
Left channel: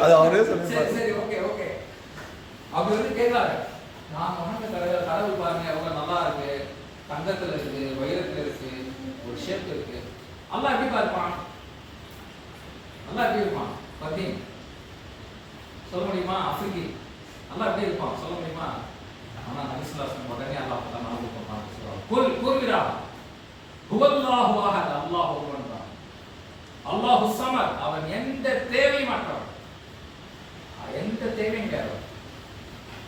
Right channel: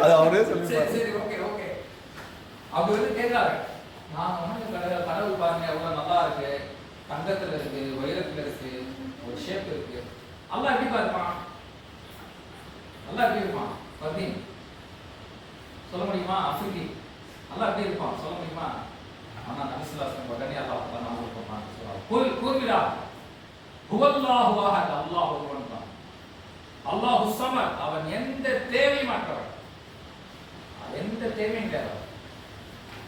அது அவரே சொல்லி சரி ஓகே அப்படி வந்து கேட்கறாங்க நான் வணங்க கடவுள் பாருங்க எவ்வளோ நல்லா இருக்கு தங்கத்துல இருக்கு வைரத்துல இருக்கு ஒரு ஷேப் இருக்கு அல்லாஹ் எப்படி இருப்பான் அல்லாஹ் எப்படி இருப்பான் பர்தீன் சொல்ல முடியுமா ஆஃப்ரிக்கி அல்லாஹ் எப்படி இருப்பான் சொல்ல முடியுமா ஆனா நபி ஸல்லல்லாஹு அலைஹி வஸல்லம் உடனே அல்லாஹ் தஆலா நமக்கு சொல்றான் குல் கூறுகிறா ஹுவல்லாஹு அஹத் அல்லாஹ் ஒருவன் தான் அல்லாஹுஸ் ஸமத் அவன் எந்த தேவையும் அற்றவன் எந்த தேவையும் கிடையாது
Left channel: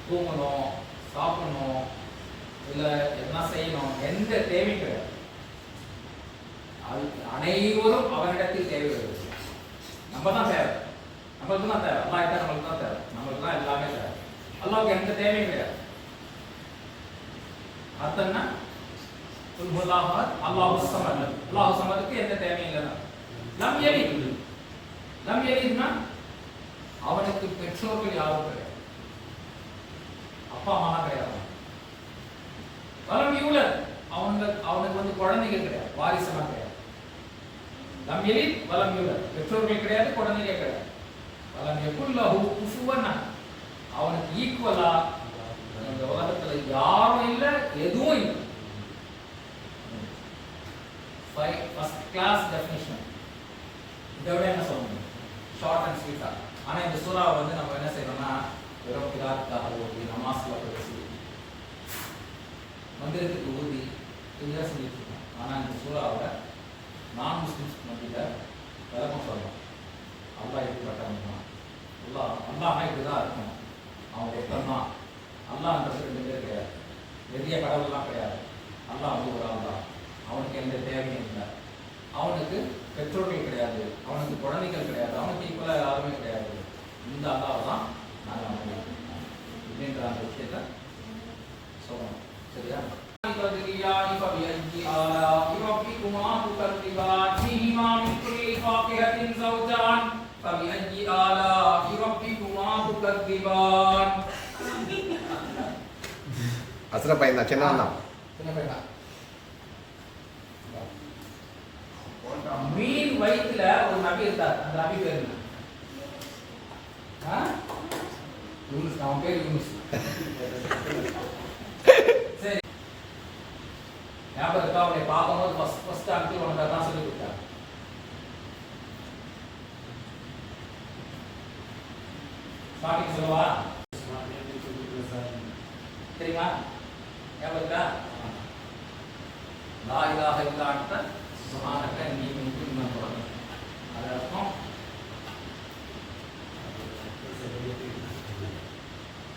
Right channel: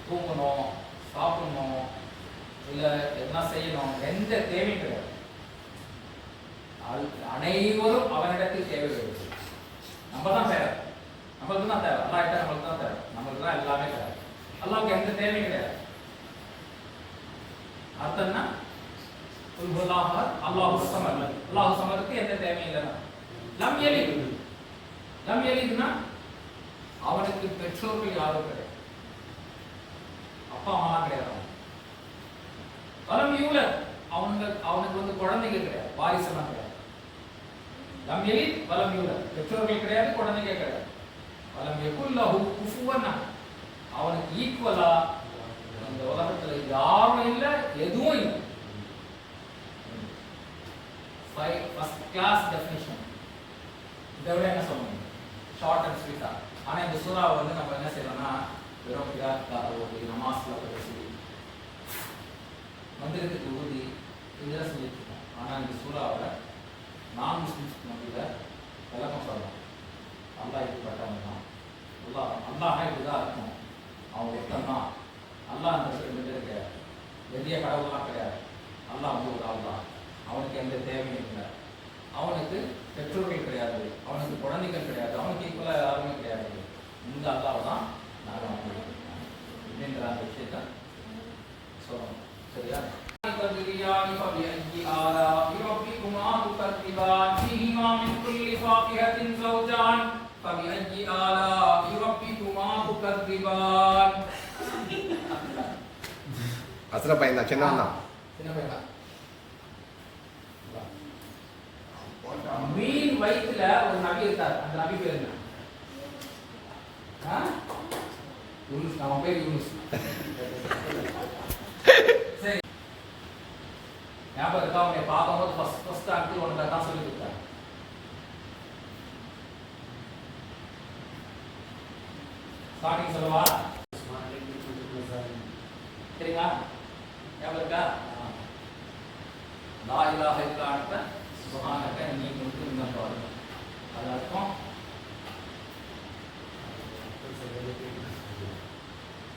தூங்கணும் சாப்பிடணும் இல்ல என்ன செய்யணும் எந்த தேவையும் கிடையாது அனைவரும் அவனிடத்தில் தேவை வருது நம்ம தான் தேவை நம்மளுக்கு தான் தேவை அல்லாஹ் கிட்ட நம்மளுக்கு தான் தேவை நம்மளுக்கு தான் எல்லாமே தேவை அல்லாஹ்வுக்கு எந்த தேவையும் கிடையாது அர்த்தம்னா குல் ஹுவல்லாஹு அஹத் அல்லாஹுஸ் ஸமத் அல்லாஹுஸ் ஸமதுக்கு எந்த தேவையும் இல்லை லம் யலித்னா அவனுக்கு பெற்றோர்கள் யாரும் கிடையாது அப்பா அம்மா கிடையாது வலம் யூலத் அவனுக்கு வந்து குழந்தைகள் கிடையாது வாரிசெல்லாம் கிடையாது லம் யலித் வலம் யூலத் பெற்றோர்கள் கிடையாது குழந்தைகள் கிடையாது வலம் யகுல் லஹு குஃபுவன் அவனுக்கு ஈக்குவலா இந்த உலகத்துல யாரும் இல்ல எதுவும் இல்லை ஃபர்ஸ்ட் கிளாஸ் டெஃபினிஷன் இதை விட என்ன சொல்ல முடியும் ஷார்ட் அண்ட் ஸ்வீட்டா ஆனா இந்த சூறாவை வந்து நம்ம என்ன செய்யறோம்னா வெறும் கிராத்தாக ஓதி நமாஸ்ல பேசி மந்திரத்துக்கு ஊதி இதுதான் சொல்லிட்டு இருக்கோம். ஆனா இந்த சூறாவை நான் முஸ்லிம்ஸ் மத்தியில விளக்கம் சொல்லலாம் அல்லாஹ் இப்படிப்பட்டவன் தான் அல்லாஹ் இப்படிதான் இருக்கும் அவன் ஒருத்தன் தான் அல்லாஹ்ன்றது ரெண்டு பேர் கிடையாது பெரிய கடவுள்லாம் கிடையாது அல்லாஹ் வந்து ஒரு ஆள் தான் அவனுக்கு எந்த தேவையும் இல்லை அவனுக்கு பெற்றோர்கள் கிடையாது அவனுக்கு குழந்தைகள் கிடையாது அவனுக்கு ஈக்குவலாக யாருமே கிடையாது இந்த அல்லாஹ் தான் நாங்கள் நம்பியிருக்கோம் இப்படின்ற அந்த விஷயத்தை சொல்லணும் சரியா அசுர பையன் தான் சின்னவன் தான் மீன் வயிற்றுல ஒரு நபி இருந்தார் அந்த நபி பேர் என்ன யூனுஸ் அவன் பேர் யூனுஸ் சரி ஞாபகம் இருக்கா அவனை பார்க்கும்போது ஃபர்ஸ்ட் அங்கிள் உனக்கு தான் சொல்லி கொடுத்தாங்க ஸ்டார்டிங் சொல்லவா? சரிங்களா? ஞாபகம் இருக்கா? லா இலாஹ இல்லா அன்த சுப்ஹானக இன்னி குன்து மினல் ஸாலிமீன். அது அர்த்தம்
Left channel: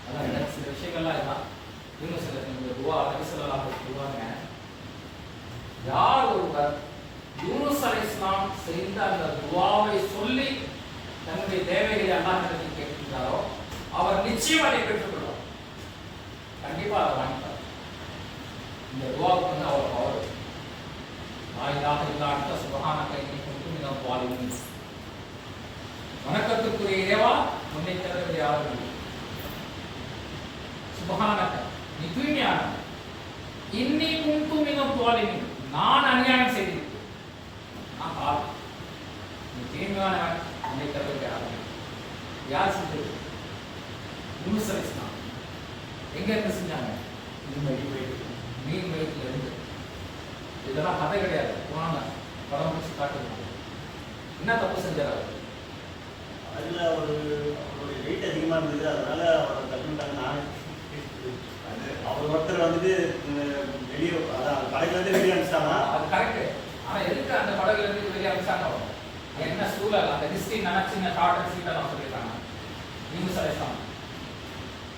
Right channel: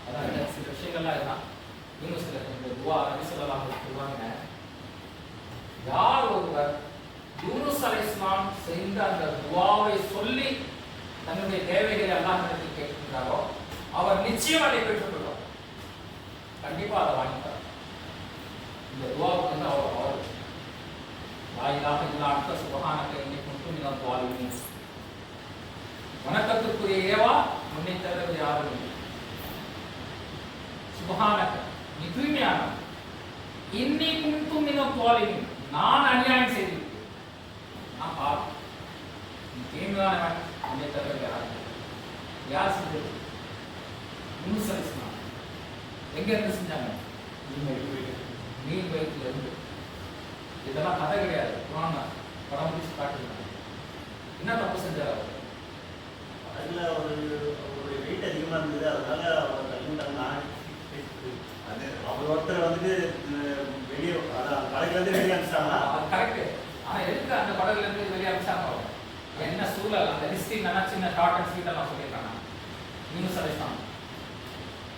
அதான் சில விஷயங்கள்லாம் இருக்கான். இவங்க சில துவா நபி ஸல்லல்லாஹு அலைஹி சொல்லுவாங்க, யார் ஒருவர் யூனுஸ் அலைஹிஸ்ஸலாம் செய்த அந்த துவாவை சொல்லி தன்னுடைய தேவைகளை அல்லாஹ்விடத்தில் கேட்கிறாரோ அவர் நிச்சயம் அதை பெற்றுக்கொள்வார். கண்டிப்பா அதை வாங்கிப்பார். இந்த துவாவுக்கு வந்து அவர் பவர். லா இலாஹ இல்லா அன்த சுப்ஹானக இன்னி குன்து மினல் ஸாலிமீன். வணக்கத்துக்குரிய இறைவா, உன்னை தவிர வேறு யாரும் இல்லை. சுப்ஹானக, நீ தூய்மையானவன். இன்னி குன்து மினல் ஸாலிமீன், நான் அநியாயம் செய்திருக்கேன். நான் பாவம். நீ தூய்மையானவன், உன்னை தவிர வேறு யாரும் இல்லை. யார் செஞ்சது? யூனுஸ் அலைஹிஸ்ஸலாம். எங்க இருந்து செஞ்சாங்க? மீன் வயிற்றுல இருந்து. இதெல்லாம் கதை கிடையாது, குர்ஆன்ல படம் பிடிச்சு காட்டுறாங்க. என்ன தப்பு செஞ்சார் அவர்? அதுல ஒரு வெயிட் அதிகமா இருந்தது, அதனால அவர் தள்ளிட்டாங்க. அவர் ஒருத்தர் வந்து வெளியே படகுல இருந்து வெளியே அனுப்பிச்சாங்க. அது கரெக்ட். ஆனா எதுக்கு அந்த படகுல இருந்து வெளியே அனுப்பிச்சாங்க? என்ன சூழல், அந்த ஹிஸ்டரி நினைச்சு டார்கெட் சீட்டை நான் சொல்லியிருக்காங்க.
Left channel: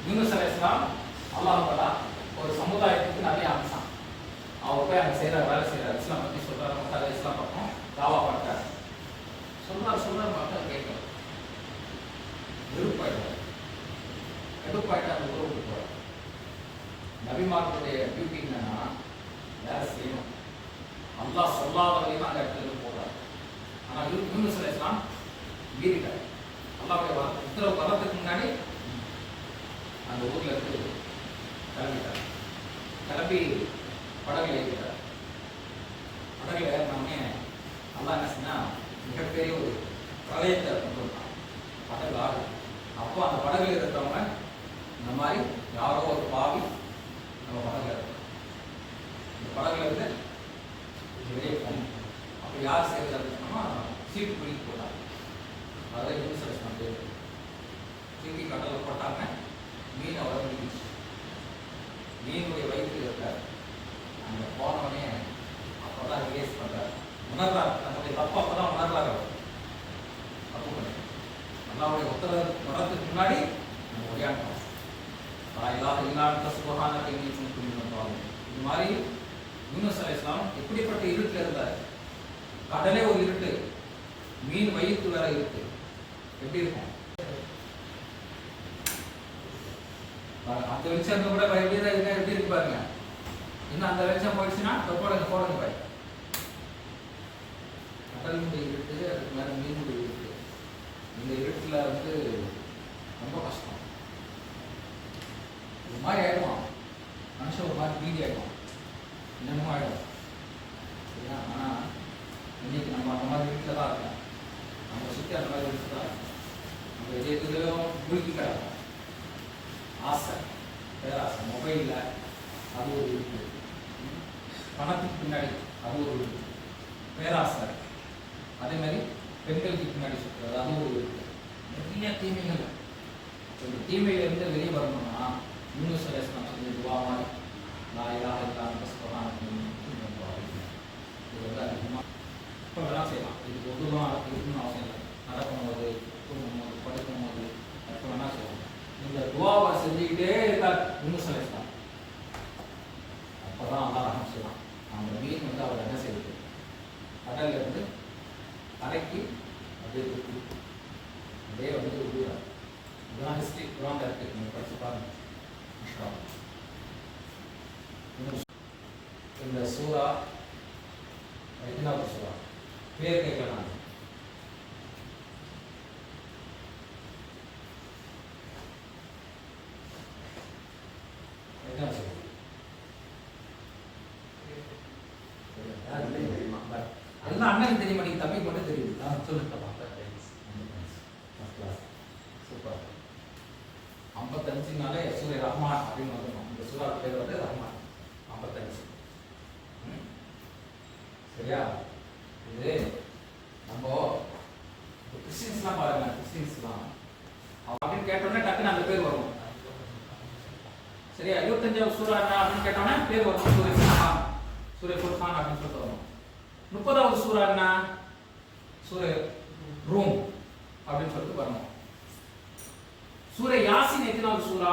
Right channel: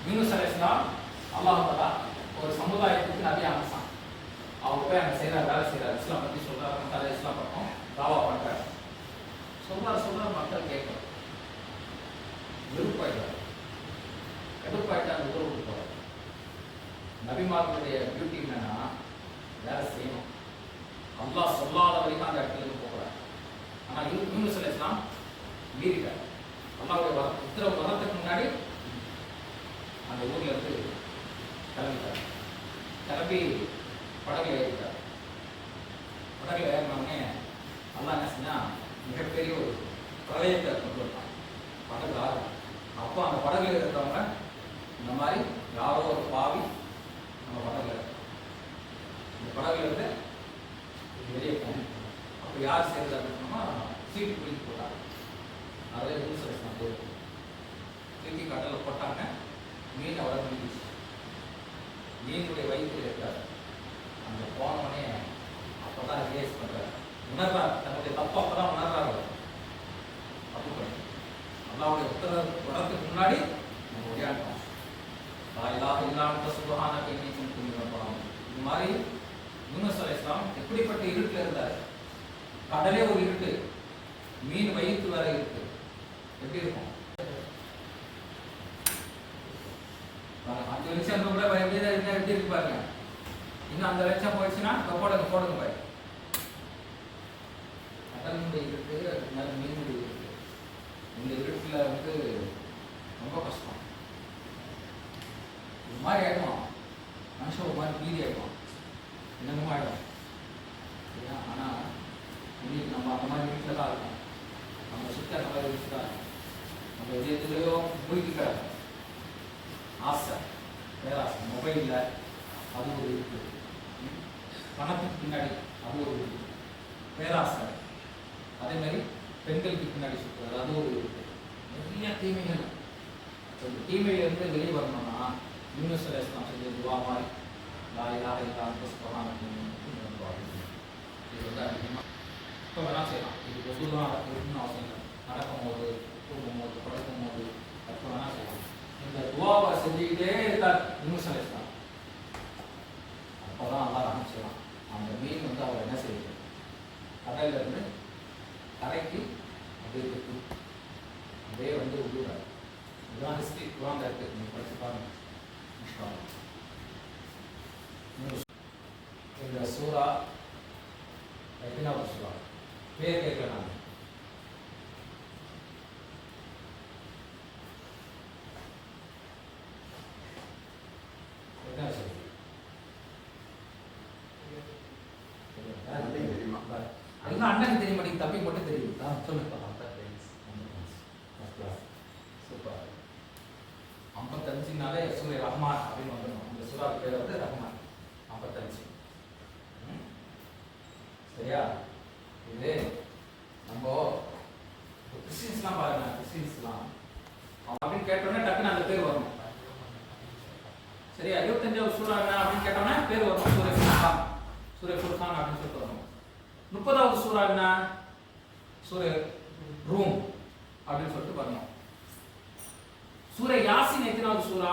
யூனுஸ் அலைஹிஸ்ஸலாம் அல்லாஹ் தஆலா ஒரு சமுதாயத்துக்கு நிறைய அனுப்பிச்சான். அவர் போய் அங்கே செய்கிற வேலை செய்கிறார். இஸ்லாம் பற்றி சொல்கிறார், மக்கள் இஸ்லாம் பக்கம் தாவா பண்ணுறாரு. சொல்றார் மக்கள் கேட்கல. வெறுப்பாயிட்டார். கடுப்பாயிட்டு அந்த ஊரை விட்டு போகிறார். நபிமார்களுடைய டியூட்டி என்னன்னா வேலை செய்யணும். அல்லாஹ் சொல்லாத வரைக்கும் அந்த இடத்துல இருந்து போகிறார். ஆனால் யூனுஸ் அலைஹிஸ்ஸலாம் மீறிட்டார். அல்லாஹ்வுடைய உத்தரவு வரத்துக்கு முன்னாடி அந்த ஊர்ல இருந்து கிளம்பிட்டார். கிளம்பி படகுல ஏறிட்டார். படகுல ஏறினவுடனே அல்லாஹ் என்ன செஞ்சா மிகப்பெரிய ஒரு பிரளயத்தை கொண்டு வந்தான். படகுல ஆறு. அப்போ அந்த படகுல இருக்கிறவங்க இந்த மாதிரி யாரோ ஒரு பாவி நம்ம படகுல இருக்கிறோம், இந்த படகுல இருந்து வெளியே போகணும். அப்போ யார் சேர்ந்து அப்படின்னா சீட்டு பிடிக்க போட்டாங்க. அதை யூனுஸ் அலைஹிஸ்ஸலாம் தூக்கி கடலில் போட்டாங்க. மீன் அவரை பிடிச்சிச்சு. மீனுடைய வயிற்றில் இருக்கார். அங்கே போனவனே அப்போதான் ரிலேஸ் பண்ணுறாரு, உணர்றாரு. தன்னுடைய தப்பு அப்போதான் உணர்றாரு. தப்பு பண்ணி அல்லாஹ்வுடைய உத்தரவு வரத்துக்கு முன்னாடி நம்ம விளையாட்டோம். லா இலாஹ இல்லா அன்த சுப்ஹானக இன்னி குன்து மினல் ஸாலிமீன். இது மாதிரி யூனுஸ் அலைஹிஸ்ஸலாம் எப்படிப்பட்ட இருட்டில் இருந்தார். கடலே ஒரு இருட்டு, மீன் வயிற்று வேற இருட்டு. எப்படி இருக்கும்? அந்த வெளிச்சம் கூட பயப்படிதான் இருந்தா எப்படி இருக்கு பாருங்க. இன்னும் அந்த வெளிச்சம் போயிடுச்சுன்னா போடுங்க பாய். கடலுடைய இருட்டு, அதுக்கு மேலே மீனுடைய இருட்டு. இந்த இருட்டுல வந்து ரொம்ப கஷ்டம். ஒரு மாதிரி ஆயிடுவான் மனுஷன், ஒரு மாதிரி பீதி ஆயிடுவான், என்னென்னமோ ஆயிடும். சரியா? ஆனா இன்னைக்கு நம்ம அந்த மாதிரி இருட்டில் தான் இருக்கோம். நம்ம சுற்றி அந்த மாதிரி இருட்டு தான் இருக்கும். நம்ம எதுலையோ மூழ்கி கிடக்கும். ஆசை, பேராசை, மொபைலில் அது ஒரு இருக்கு, பணத்துக்கு பின்னாடி அது ஒரு இருக்கு, பேராசை. அதே மாதிரி பெண்களுக்கு பின்னாடி சுற்றுறது அது ஒரு இருக்கு. நிறைய தீமைகள். இந்த தீமையிலிருந்து வெளியே வரணும்னா யூனுஸ் அலைஹிஸ்ஸலாம் செஞ்ச துவா மாதிரி லா இலாஹ இல்லா அன்த சுப்ஹானக இன்னி குன்து மினல் ஸாலிமீன். இது வந்து அதிகமாக இப்போ வேணால் செய்யலாம். இது பொதுவாக இருக்குன்னு அவசியம் இல்லை. நடக்கும்போது, தூங்கும்போது, படுக்கும்போது எப்போ வேணால் செய்யலாம். இந்த துவாவை செஞ்சுக்கிட்டே இருக்கார் யூனுஸ் அலைஹிஸ்ஸலாம். அப்போதான் அல்லாஹ் ரஹ்மத் செய்யலாம். அந்த மீன் வந்து அவர் என்ன செய்யுது, கடல்ல இருந்து கரைக்கு அப்படியே தூக்கி அப்படியே வந்து விடுவார். இதெல்லாம் ஹிஸ்ட்ரி குர்ஆன்ல இருக்கு, நீங்கள் படிச்சு பாருங்க. இந்த சூரா எத்தனாவது சூரா பேர் கேட்கலாம். எல்லாம் அண்ணனுக்கு தெரிய மாட்டேங்குது, தம்பி மட்டும் தெரியுது. சொல்லுங்க. சூப்பர். 55னாலே சூரிய ரஹ்மான் அப்படின்னு வந்துடும். இந்த சூரா பேர் வந்து ரஹ்மான். 55. சரியா? இது நம்ம கிறிஸ்டின்ஸ்லாம் பாருங்க. கிறிஸ்டின்ஸ்லாம் அப்படின்னு கேட்டோன்னே டக்குன்னு அந்த பேர் வரும். சரியா? 25வது சூரா என்ன அப்படின்னு கேட்டோன்னே பேர் வரும். சூரே ஃபுர்கான். சூரே ஃபுர்கான் அப்படின்னு சொல்லிட்டு வரும். 30வது சூரா என்ன? சூரே ரூம் அப்படின்னு சொல்லிட்டு வரணும். சூரே யாசின் எத்தனாவது சூரா?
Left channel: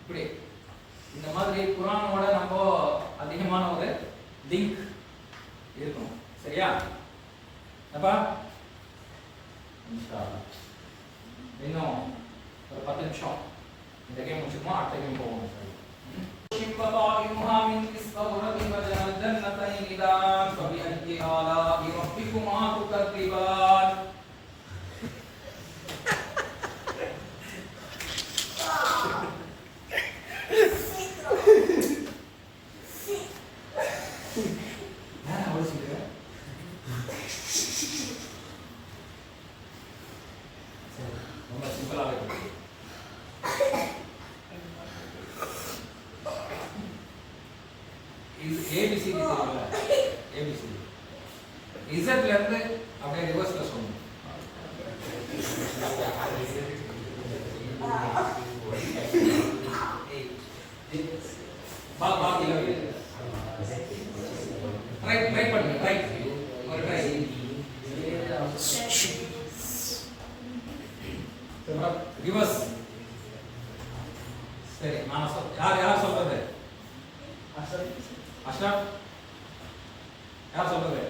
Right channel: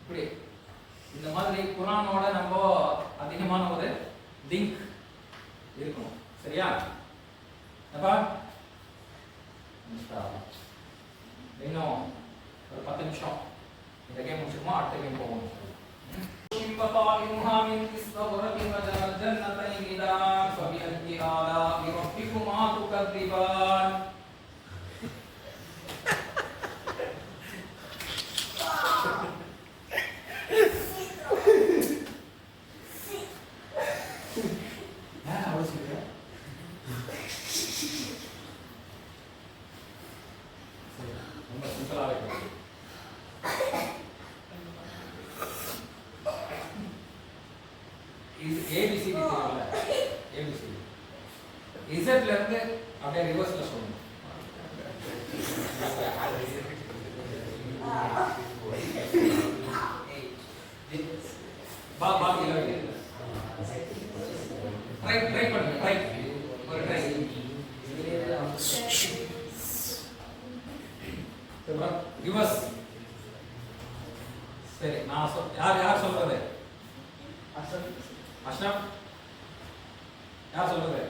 இப்படி இந்த மாதிரி குர்ஆனோட நம்ம அதிகமான ஒரு லிங்க் இருக்கணும். சரியா? அப்பா இன்னும் ஒரு 10 நிமிஷம் இந்த கேம் முடிச்சுமா அடுத்த கேம் போவோம். فطائمها من استغرب والجنتين دان فبأي آلاء ربكما تكذبان. ஏபிசிடி தெரியல. ஏபிசிடி இசட்ல இருந்து அப்படியே ரிவர்ஸ்ல சொல்லணும். பால் இல்ல. ட்ரை பண்ணுங்க. ட்ரை ஒரு ட்ரை. ரிவர்ஸ். சரி நான் யார் சொல்றது? அஷ்ரப் யார் சொல்றது?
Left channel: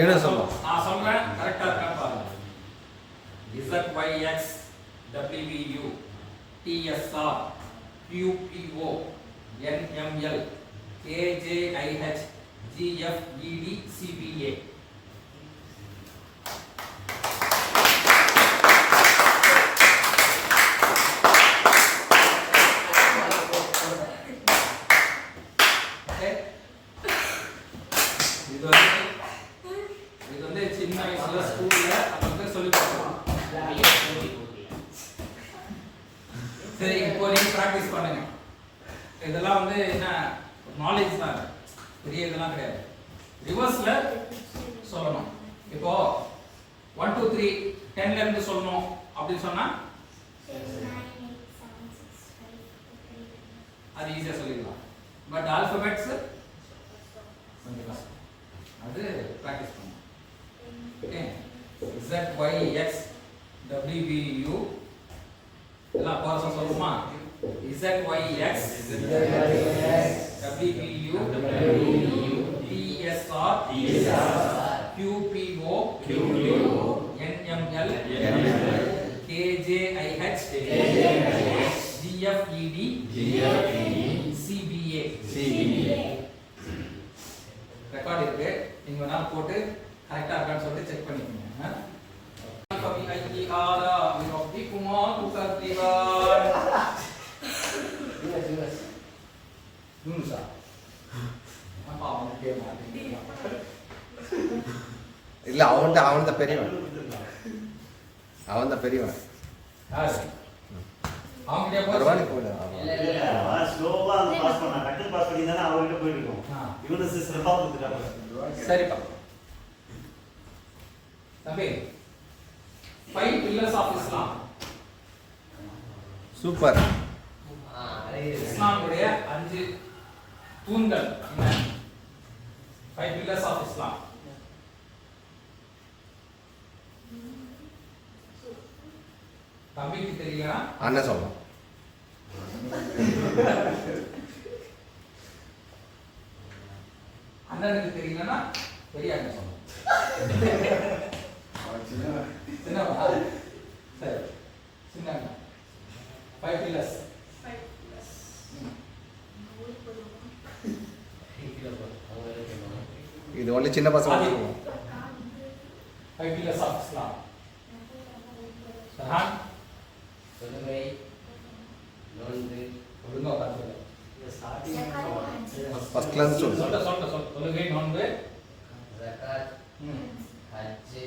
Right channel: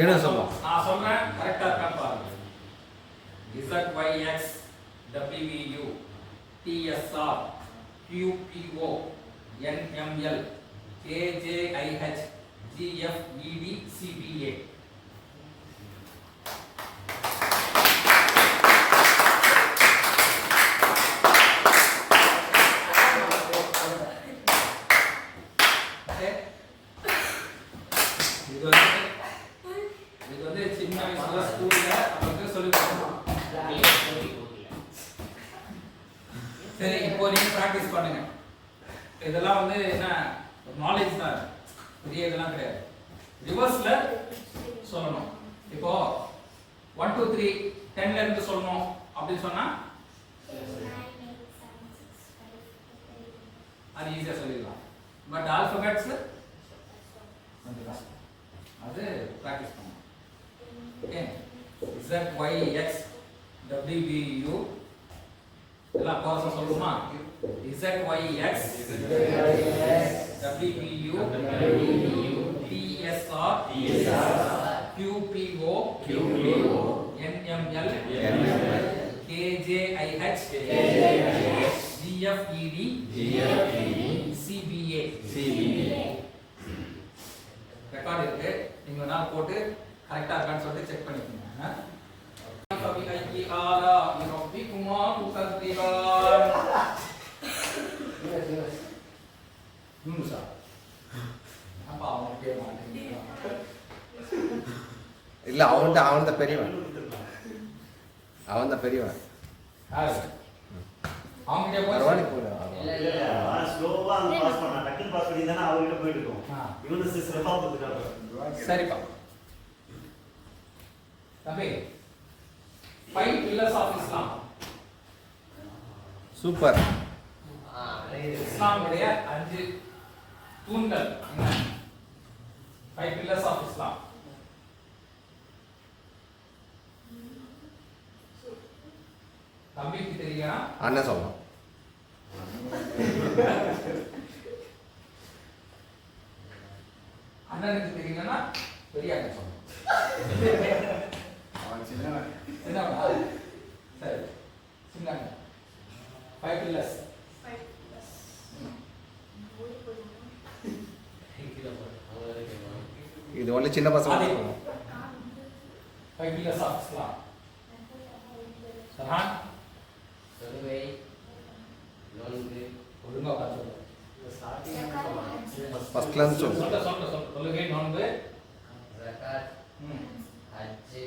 என்ன சொல்லலாம்? நான் சொல்றேன் கரெக்டா இருக்கா பாருங்க. ZYX WVU TSR QPO NML KJIH GFED CPA. இது வந்து சின்ன வயசுல ஸ்கூல்ல அப்படி சொல்லி கொடுக்கணும். சரி இப்போ நீங்க பிராக்டிஸ் பண்ணுங்க. இதெல்லாம் வந்து என்ன நாலேஜ் தான், பெரிய இதெல்லாம் கிடையாது. ரிவர்ஸ்ல சொல்லணும். இப்போ 1 2 3 10ல இருந்து சொல்லணும் அப்படின்னு சொன்னா அது ஈஸியா சொல்லிடலாம். பட் ஆல்பபெட்ஸ் கொஞ்சம் கஷ்டம். அது பிராக்டிஸ் பண்ணணும். ஓகே ZYX WVU எல்லாம் கோர்ஸா சொல்லுமா? ZYX WVU TSR QPO NML KJIH GFED CBA. Record இருக்கு. நீங்க வேணா போட்டு கரெக்டா இருக்கான்னு சொல்லிட்டு செக் பண்ணிக்கோங்க. فبأي آلاء ربكما تكذبان. இல்ல அவன் தான் பெரியவன். அவன் தான் பெரியவன். அரவாணி போயிடு. ஸ்லோவா பாஸ் பண்ணா டக்குனு பாஸ் பண்ணி தானே அவர்கிட்ட போயிட்டு இருக்கோம். இவனு சிஸ்டமா கொடுத்துட்டாங்க. சரிப்பா தம்பி. 5 pillars of Islam. சூப்பர். இஸ்லாமுடைய 5 தூண்கள் என்ன? 5 pillars of Islam. தம்பிக்கு தெரியலனா அண்ணன் சொல்லலாம். அண்ணனுக்கு தெரியலனா பெரிய அண்ணன் சொல்லலாம். சின்னவனா? சரி சின்ன அண்ணன். 5 pillars. இது ஒன்லி சின்ன பசங்க. 5 pillars of Islam. சஹான் தொழுகை, நோன்பு, ஒழுங்கா பார்த்து ஃபர்ஸ்ட் கிளாஸ் சொல்லு. சொல்ல தொழுகை, நோன்பு, ஜகாத், ஹஜ்,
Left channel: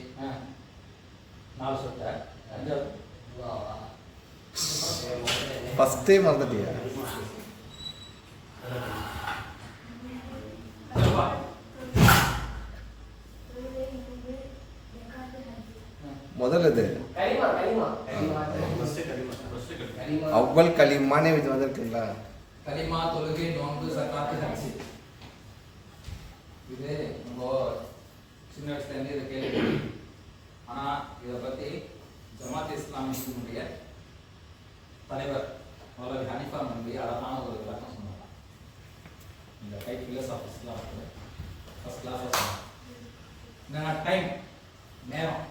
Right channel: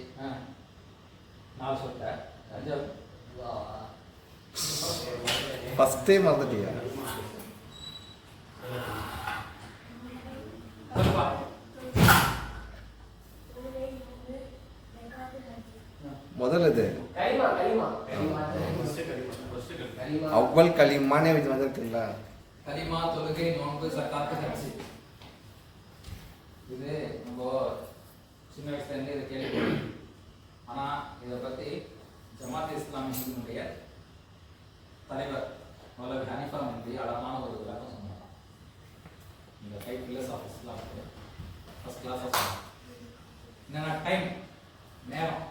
4 சொல்லிட்ட. 5 துஆவா. ஃபர்ஸ்டே மறந்துட்டியா? சொல்லுப்பா. முதல்ல இது கலிமா ஃபர்ஸ்ட் கலிமா கலிமா அவ்வல் களிமானே இது வந்திருக்குங்களா? கலிமா, தொழுகை, நோன்பு, சக்காத்து, ஹஜ். இது நம்ம சின்ன வயசுல இருந்து இதை கேள்வி. ஆனா இதை பத்தி ஜமாத் இஸ்லாமிய தலைவர் மௌலவி ஹனீஃபா நபி அழகான ஒரு விளக்கம் சொன்னாங்க. இந்த 5 pillars of Islam ஃபர்ஸ்ட் கிளாஸா சொன்னாங்க. என்னன்னா டைம், நேரம்.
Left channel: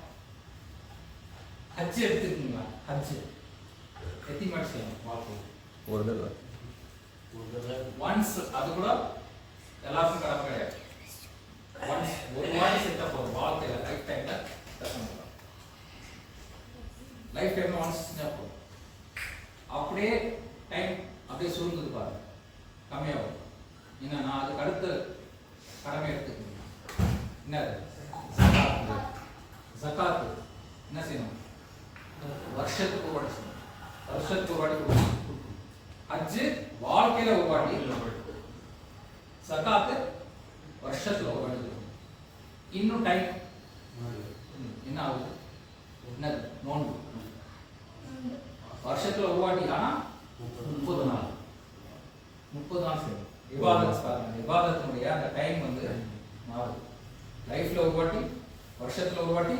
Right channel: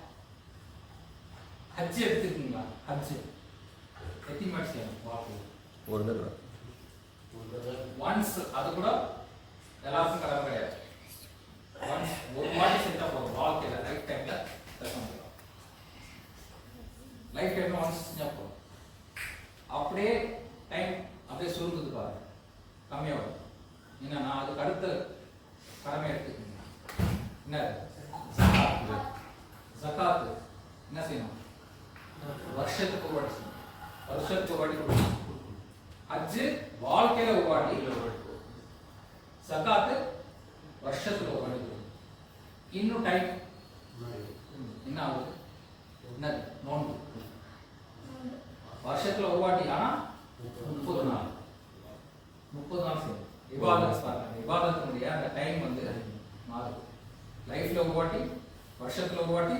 ஹஜ் எடுத்துக்கீங்களா? ஹஜ் எத்தனை மாடி செய்யணும் வாழ்க்கையில்? ஒரு தடவை ஒன்ஸ். அது கூட எல்லாருக்கும் கடமை கிடையாது. ஒன்ஸ் ஒரு வாட்டி செஞ்சா போதும் வாழ்க்கையில, லைஃப் டைம்ல லைஃப் டைம்ல ஒன்ஸ் செஞ்சா போதும். அப்படியே டைம் அப்படியே சுருங்குது பாருங்க, கம்மியாகும். என்னன்னா அதுக்கு அடுத்த கடமை எடுத்துக்கோங்க. என்ன? ஜகாத்து என்ன செய்யணும்? வருஷத்துக்கு ஒரு வாட்டி செய்யணும். வருஷத்துக்கு ஒரு வாட்டி கொடுக்கணும். ஹஜ் வாழ்க்கையில ஒரு வாட்டி, ஜகாத்து வருஷத்துல ஒரு வாட்டி கொடுக்கணும். இன்னும் டைம் என்ன ஆகுது? என்ன? நோன்பு வருஷத்துல ஒரு வாட்டி, ஆனா 30 நாள். 30 நாள் செய்யணும். இபாதத் பாருங்க, இபாதத்தினுடைய அந்த டைம் வந்து மாறுது. லைஃப்ல ஒரு வாட்டி, வருஷத்துல ஒரு வாட்டி,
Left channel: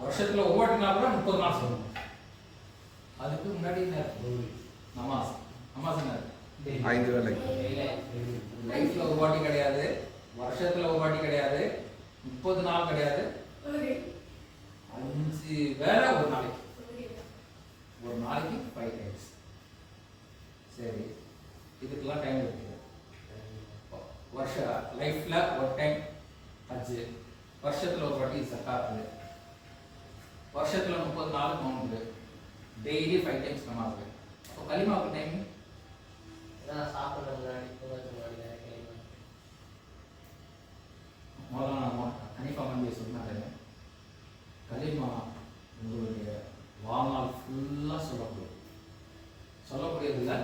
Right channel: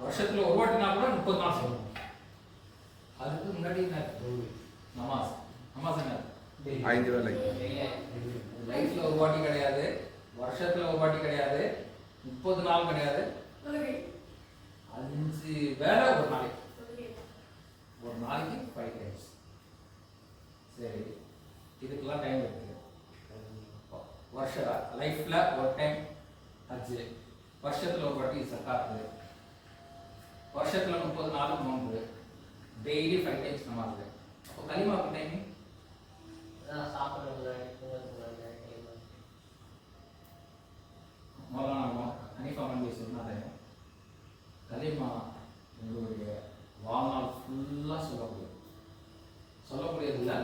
வருஷத்துல ஒரு வாட்டினா கூட 30 நாள் செய்யணும். அதுக்கு முன்னாடி என்ன? நமாஸ். நமாஸ் என்ன? 5 வேளை. லைஃப்ல ஒரு வாட்டி கிடையாது, வருஷத்துல ஒரு வாட்டி கிடையாது, 30 நாள் கிடையாது, 5 வேளை ஒரு நாளைக்கு. ஒரு நாளைக்கு 5 times. சரி, இதுக்கெல்லாம் டைம் இருக்கு. வருஷ லைஃப்ல ஒரு டைம் ஹஜ், வருஷத்துல ஒரு வாட்டி ஜகாத்து, வருஷத்துல 30 நாள் நோன்பு, டெய்லி 5 times நமாஸ். அப்போ கலிமாவுக்கு டைம் சாப்பிட முன்னாடி மௌலானா ஹனீஃபா நபி சொன்னாங்க, கலிமா உங்களுடைய வாழ்நாள் ஃபுல்லாக சொல்லக்கூடியதில்லை,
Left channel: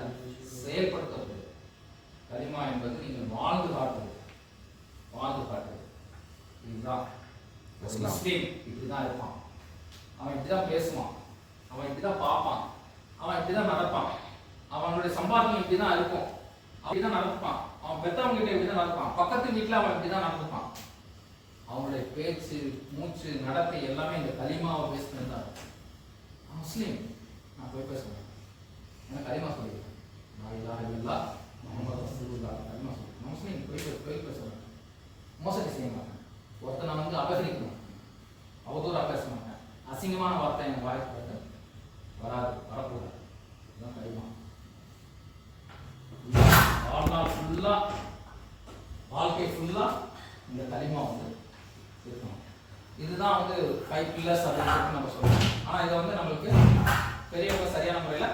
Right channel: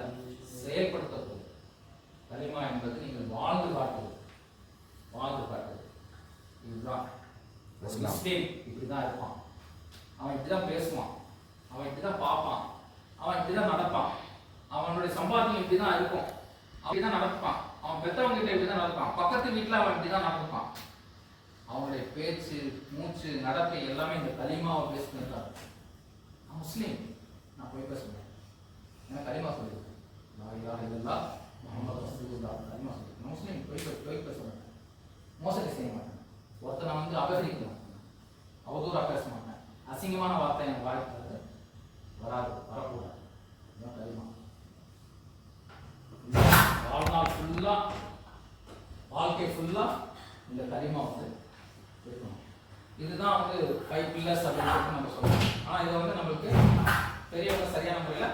செயல்படுத்தப்படுது. கலிமா என்பது நீங்கள் வாழ்ந்து காட்டுவது. இதுதான் முஸ்லீம். இப்படிதான் இருப்பான், அவன் இப்படிதான் பேசுவான், அவன் இப்படிதான் பார்ப்பான், அவன் இப்படிதான் நடப்பான், அவனுடைய சம்பாத்தியம் இப்படிதான் இருக்கும், அப்படிதான் நடப்பான், அவன் பெற்றவங்க கிட்ட இப்படிதான் நடப்பான், பக்கத்து வீட்டில் அவன் இப்படிதான் நடந்துப்பான். அவனுடைய பேச்சு, மூச்சு, நடத்தை எல்லாமே இந்த கலிமாவை பேசுறது தான். நான் முஸ்லீம், நான் போய் பேசுவேன், எனக்கு கலிமா சொல்லியிருக்கேன், லா இலாஹ இல்லல்லாஹ் முஹம்மது ரசூலுல்லாஹ், கலிமா சொல்லியிருக்கேன். நான் முஸ்லீம், போய் பேசுவேன், மோசடி செய்ய மாட்டேன், ஒருத்தனை வந்து அபகரிக்கணும், அவதூறாக பேச மாட்டேன், அசிங்கமான வார்த்தை என் வாய்ப்பு வராது, வரக்கூடாது. இதுதான் கலிமா. வாழ்நாள் ஃபுல்லா, வாழ்க்கை ஃபுல்லா இந்த கலிமா வந்து இருக்கணும். இதுதான் வந்து 5 pillars அப்படின்னு சொல்லிட்டு நம்ம சொல்றோம். ஆனா இதை வந்து நம்மளுக்கு பெரியவங்க சரியான முறையில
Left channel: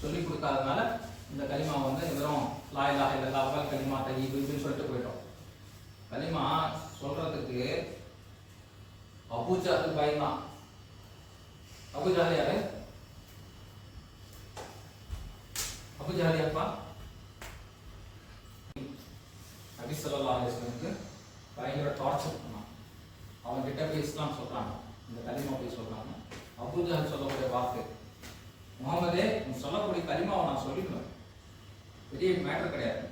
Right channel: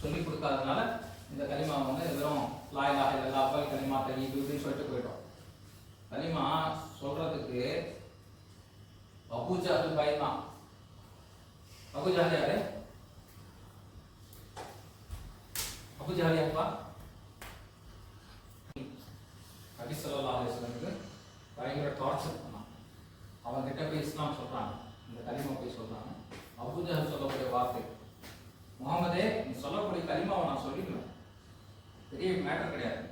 சொல்லி கொடுக்காதனால இந்த கலிமா வந்து வெறும் லா இலாஹ இல்லல்லாஹ் அவ்வல் கலிமா தய்யிப் இப்படின்னு சொல்லிட்டு போயிட்டோம். கலிமா சொல்றதுக்கு அபூ ஜஹல் பயந்தான். அபூ ஜஹல் யாரு? அபூ ஜஹல் யாருப்பா? நபி ஸல்லல்லாஹு அலைஹி வஸல்லம் பயங்கர டார்ச்சர் பண்ணான். அவன் கிட்ட போய் இஸ்லாம் சொல்றாங்க, இந்த கலிமா போய் சொல்றாங்க. அபூ ஜஹல் சொல்லக்கூடிய வார்த்தை, முகமதே நீ சொல்லக்கூடிய கலிமாவை நான் சொல்லிடுவேன், பெரிய மேட்டர் கிடையாது,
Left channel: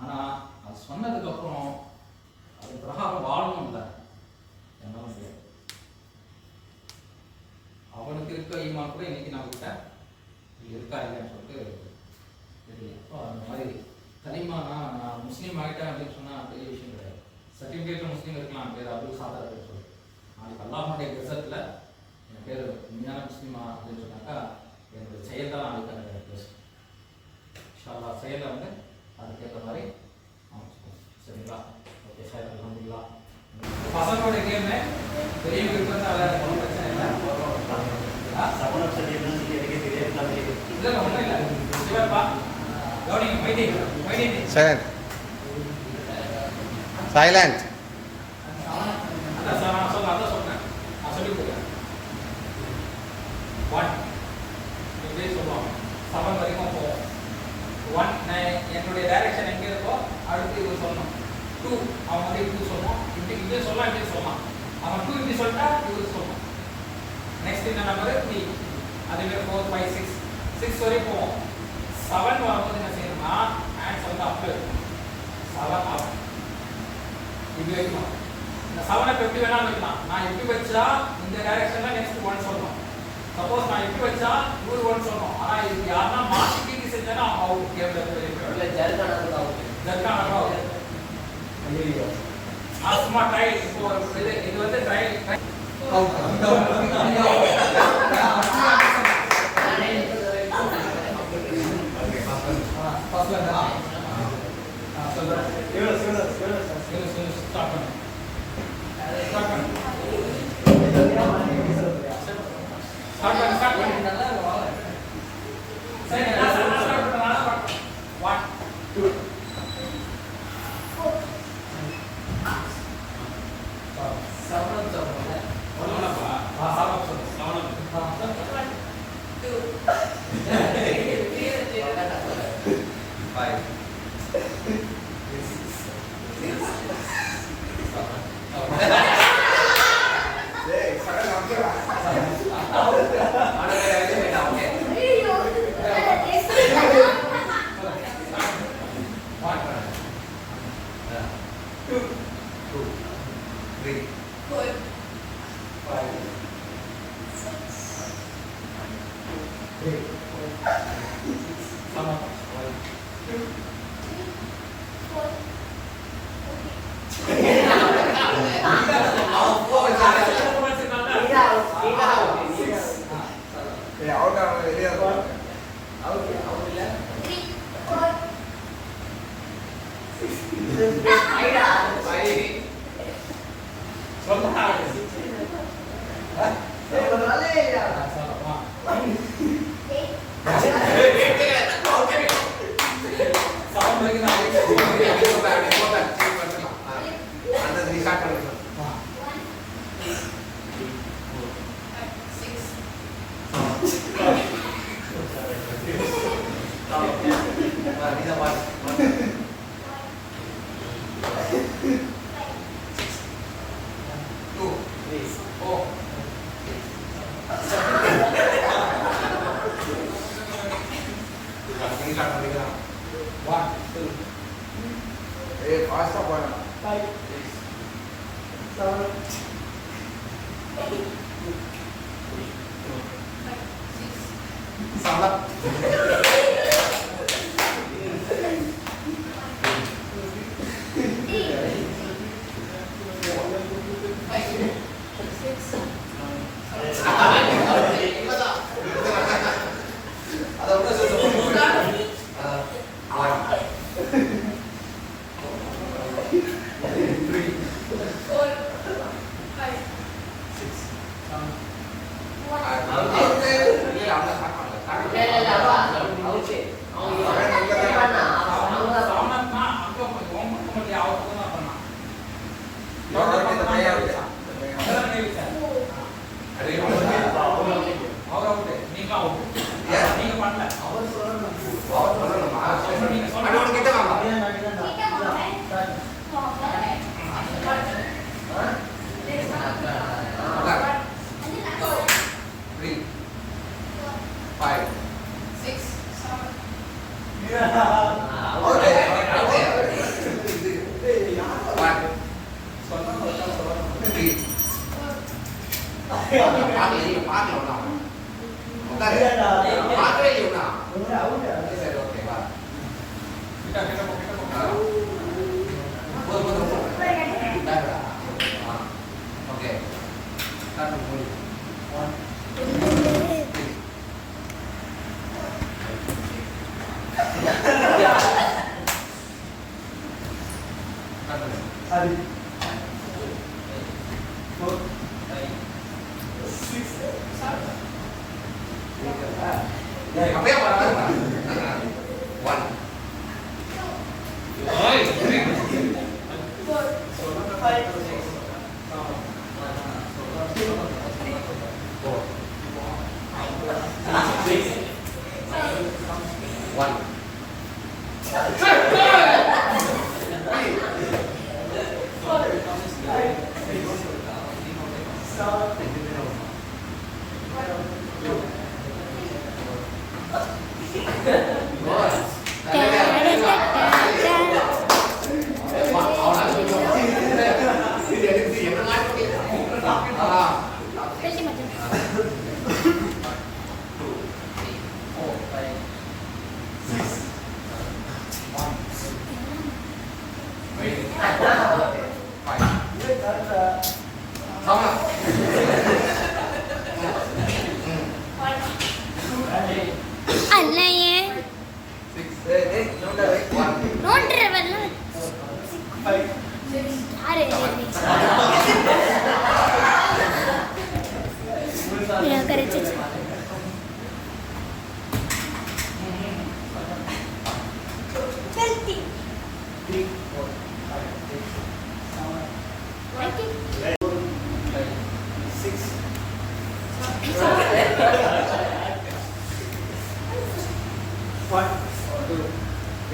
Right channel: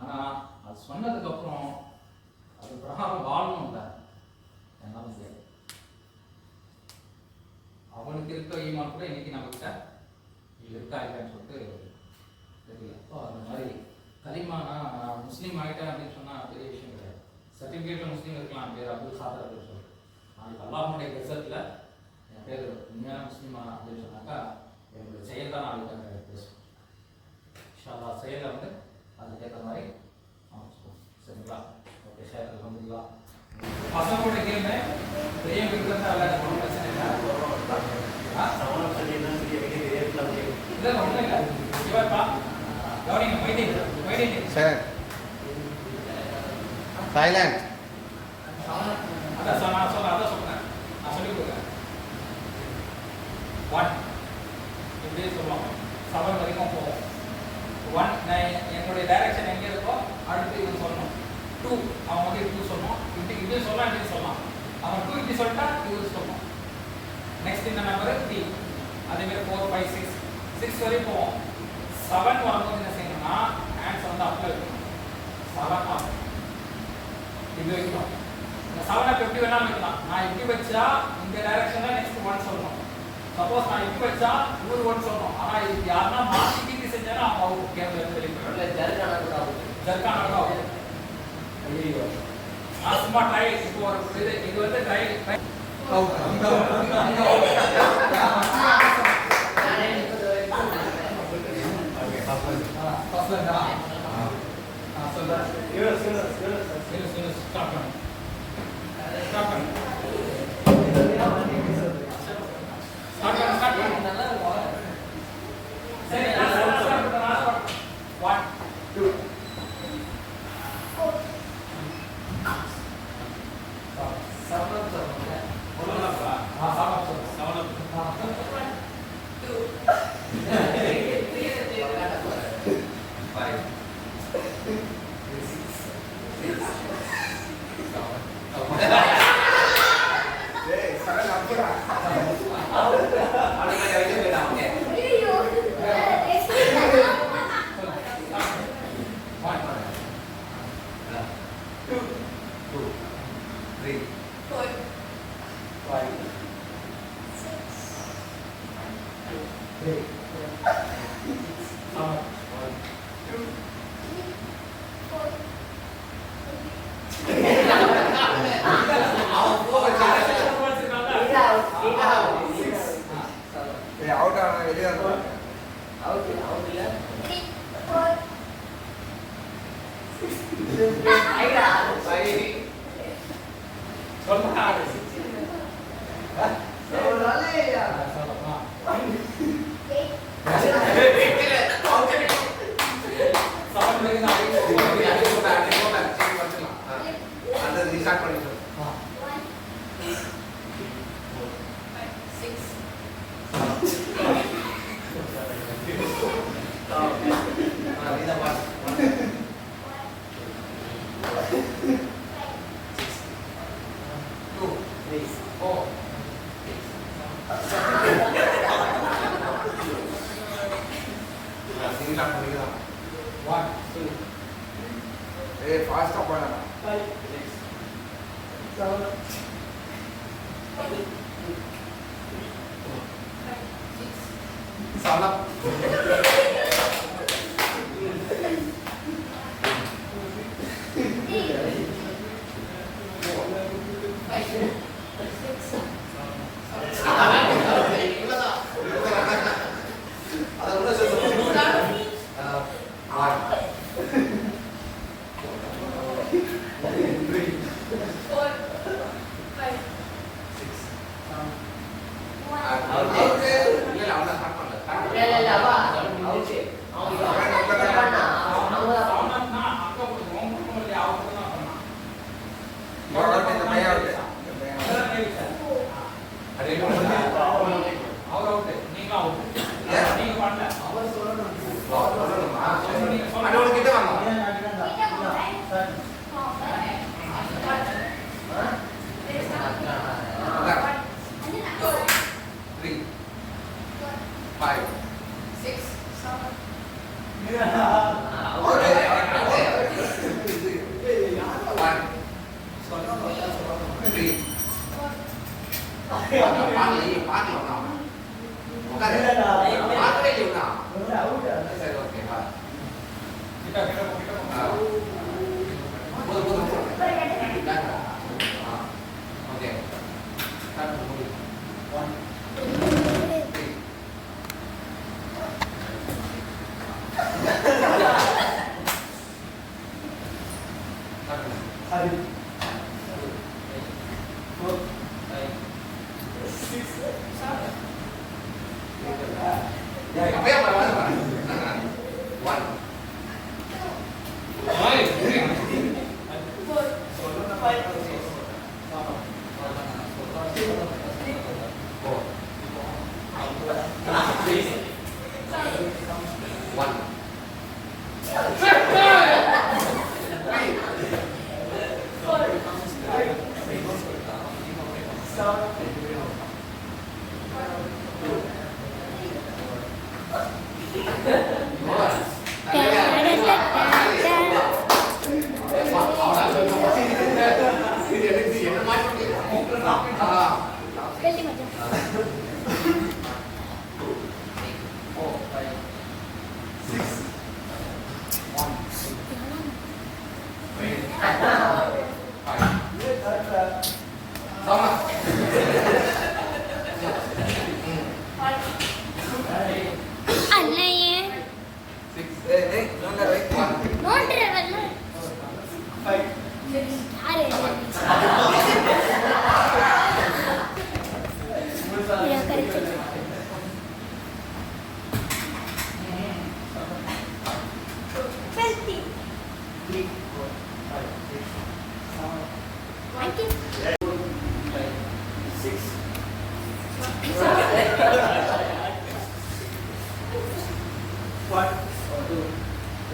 ஆனா அது சொன்னதுக்கு அப்புறம் அது பிரகாரம் வாழணும் தான் என்னால முடியாது. அவனுக்கு இருக்க ஈமான் கூட இன்னைக்கு நம்ம கிட்ட இருக்கா இல்லைன்னு சொல்லிட்டு தெரியல. அந்த மாதிரி கலிமானா நான் முஸ்லீம் ஆகிட்டேன் அப்படின்னு சொன்னால் பெரிய விஷயம் கிடையாது. சர்டிஃபிகேட்டில் முஸ்லீம் இருக்கலாம், பேர் அப்துல் சாதர் அப்படின்னு சொல்லி, நாளைக்கு அல்லாஹ்வுடைய ரிசல்ட்டில் என் பேர் உண்மையான முஸ்லீமா அப்படின்னு சொன்னாக்கா என்னோட செயல் தான் நாளைக்கு பேசும். இன்ஷா அல்லாஹ் செயலில் வந்து அதுக்கேற்ற மாதிரி சரிங்களா? ஓகே சார், அல்ஹம்துலில்லாஹ். பசங்களோட கேமு பெரிய விருப்பத்தை விளையாட ஒன்றும் பிரச்சனை இல்லை. இல்லை ஒன்றும் இல்லை. சிவப்பா கவனிங்க, மைடிங் சார் சைலண்ட். அதான் சார் நான் சொன்னேன், நான் சொல்லி கொடுக்குறேன். 1 இப்படியே சொல்லுவாங்க, 7 வரைக்கும் போவோம். 1 நான் என்னுடைய டைரக்ஷன் எங்கே இருக்கோ அடுத்து இது சொல்லணும். 2 அவன் வந்து இப்படி சொல்லணும், இப்படி சொல்லலாம், இப்படி சொல்லலாம். அவன் 2 இப்படி சொல்லிட்டா இவரு சொல்லணும். நெக்ஸ்ட் இந்த நம்பர் 3 அதே மாதிரி 4 5 6 6 வரை போவோம் 7 வரும்போது என்ன செய்யணும்னா ஹேண்ட்ஸ் வந்து அப்ல வைக்கணும் 7 அப் இது வைக்கணும் இந்த 7 அப் எப்படி வேணாலும் வைக்கலாம் நான் எப்படி வச்சா இந்த டைரக்ஷன்ல நெக்ஸ்ட் 1 சொல்லணும் சப்போஸ் நான் எப்படி வச்சா இவரு 1 சொல்லணும் ஆனா இது யாரனா மாத்தி கீட்டி செஞ்சானா அவங்க அவுட் கேம்ல இருந்து வெளிய போயிடுவாங்க ஜர்கானா கூட அவுட் அவுட் ஐயோ சும்மா ட்ரை இப்போ ஒரு இது வந்து ட்ரை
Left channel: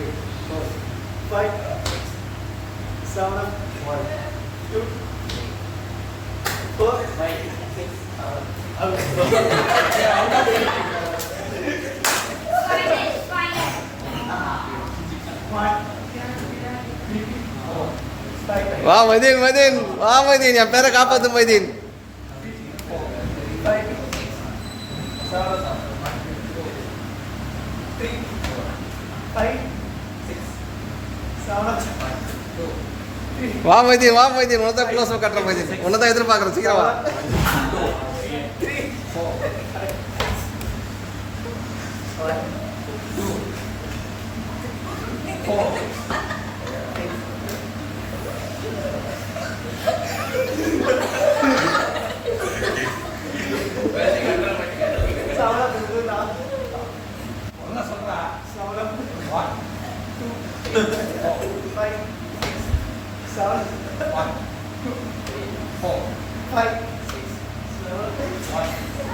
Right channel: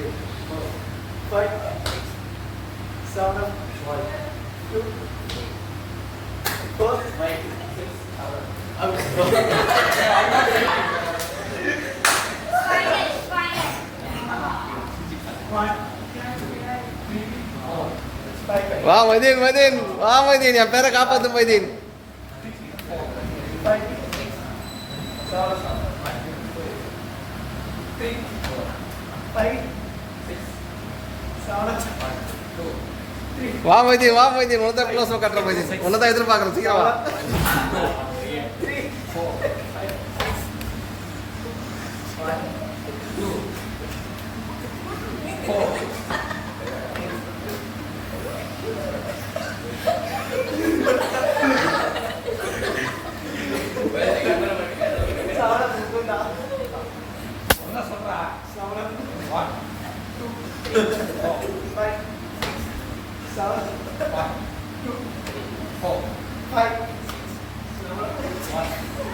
3, 4, 5, 6, 7, 1, 2, 3, 4, 5, 6, 7, வா மைதீன் மைதீன் வா மைதீன் என் பேரை காப்பாத்து மைதீன் 5, 7, 3, 5, 6, 7, 2, 3, வா மைதீன் வா மைதீன் உனதான் க்ளோஸ் கட்டுற மைதீன் உன்னதான் எதிர்பார்க்குறேன் சீக்கிரம் வா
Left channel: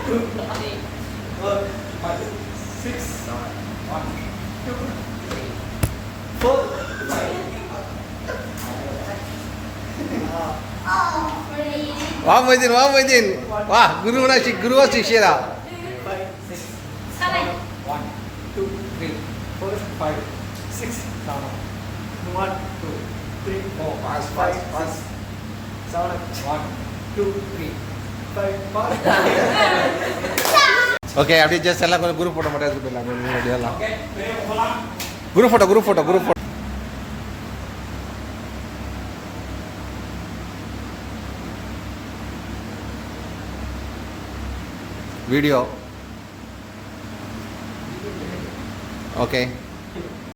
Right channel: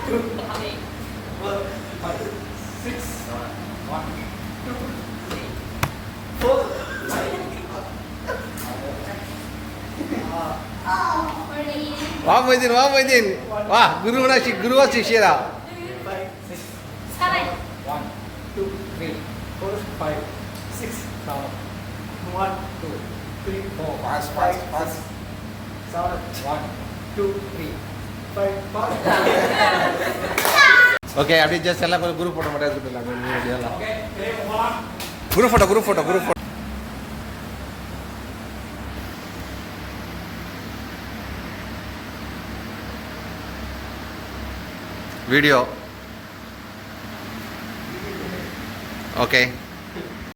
3, 4, 5, 6, 1, 2, 4, வா மைதீன் வா குருவா சிஷ்யரா 1, 2, 3, 4, 5, 6, 7, 1, 2, 3, 4, 5, 6, 7, 1, 2, 3, 5, 6. ஓகே அப்படியே ஜஸ்ட் எல்லாம் கொஞ்சம் குரூப் ஃபோட்டோ மட்டும் எடுத்துட்டு போயிடலாம் வீடியோலாம் குரூப் ஃபோட்டோ வீடியோ ஓகே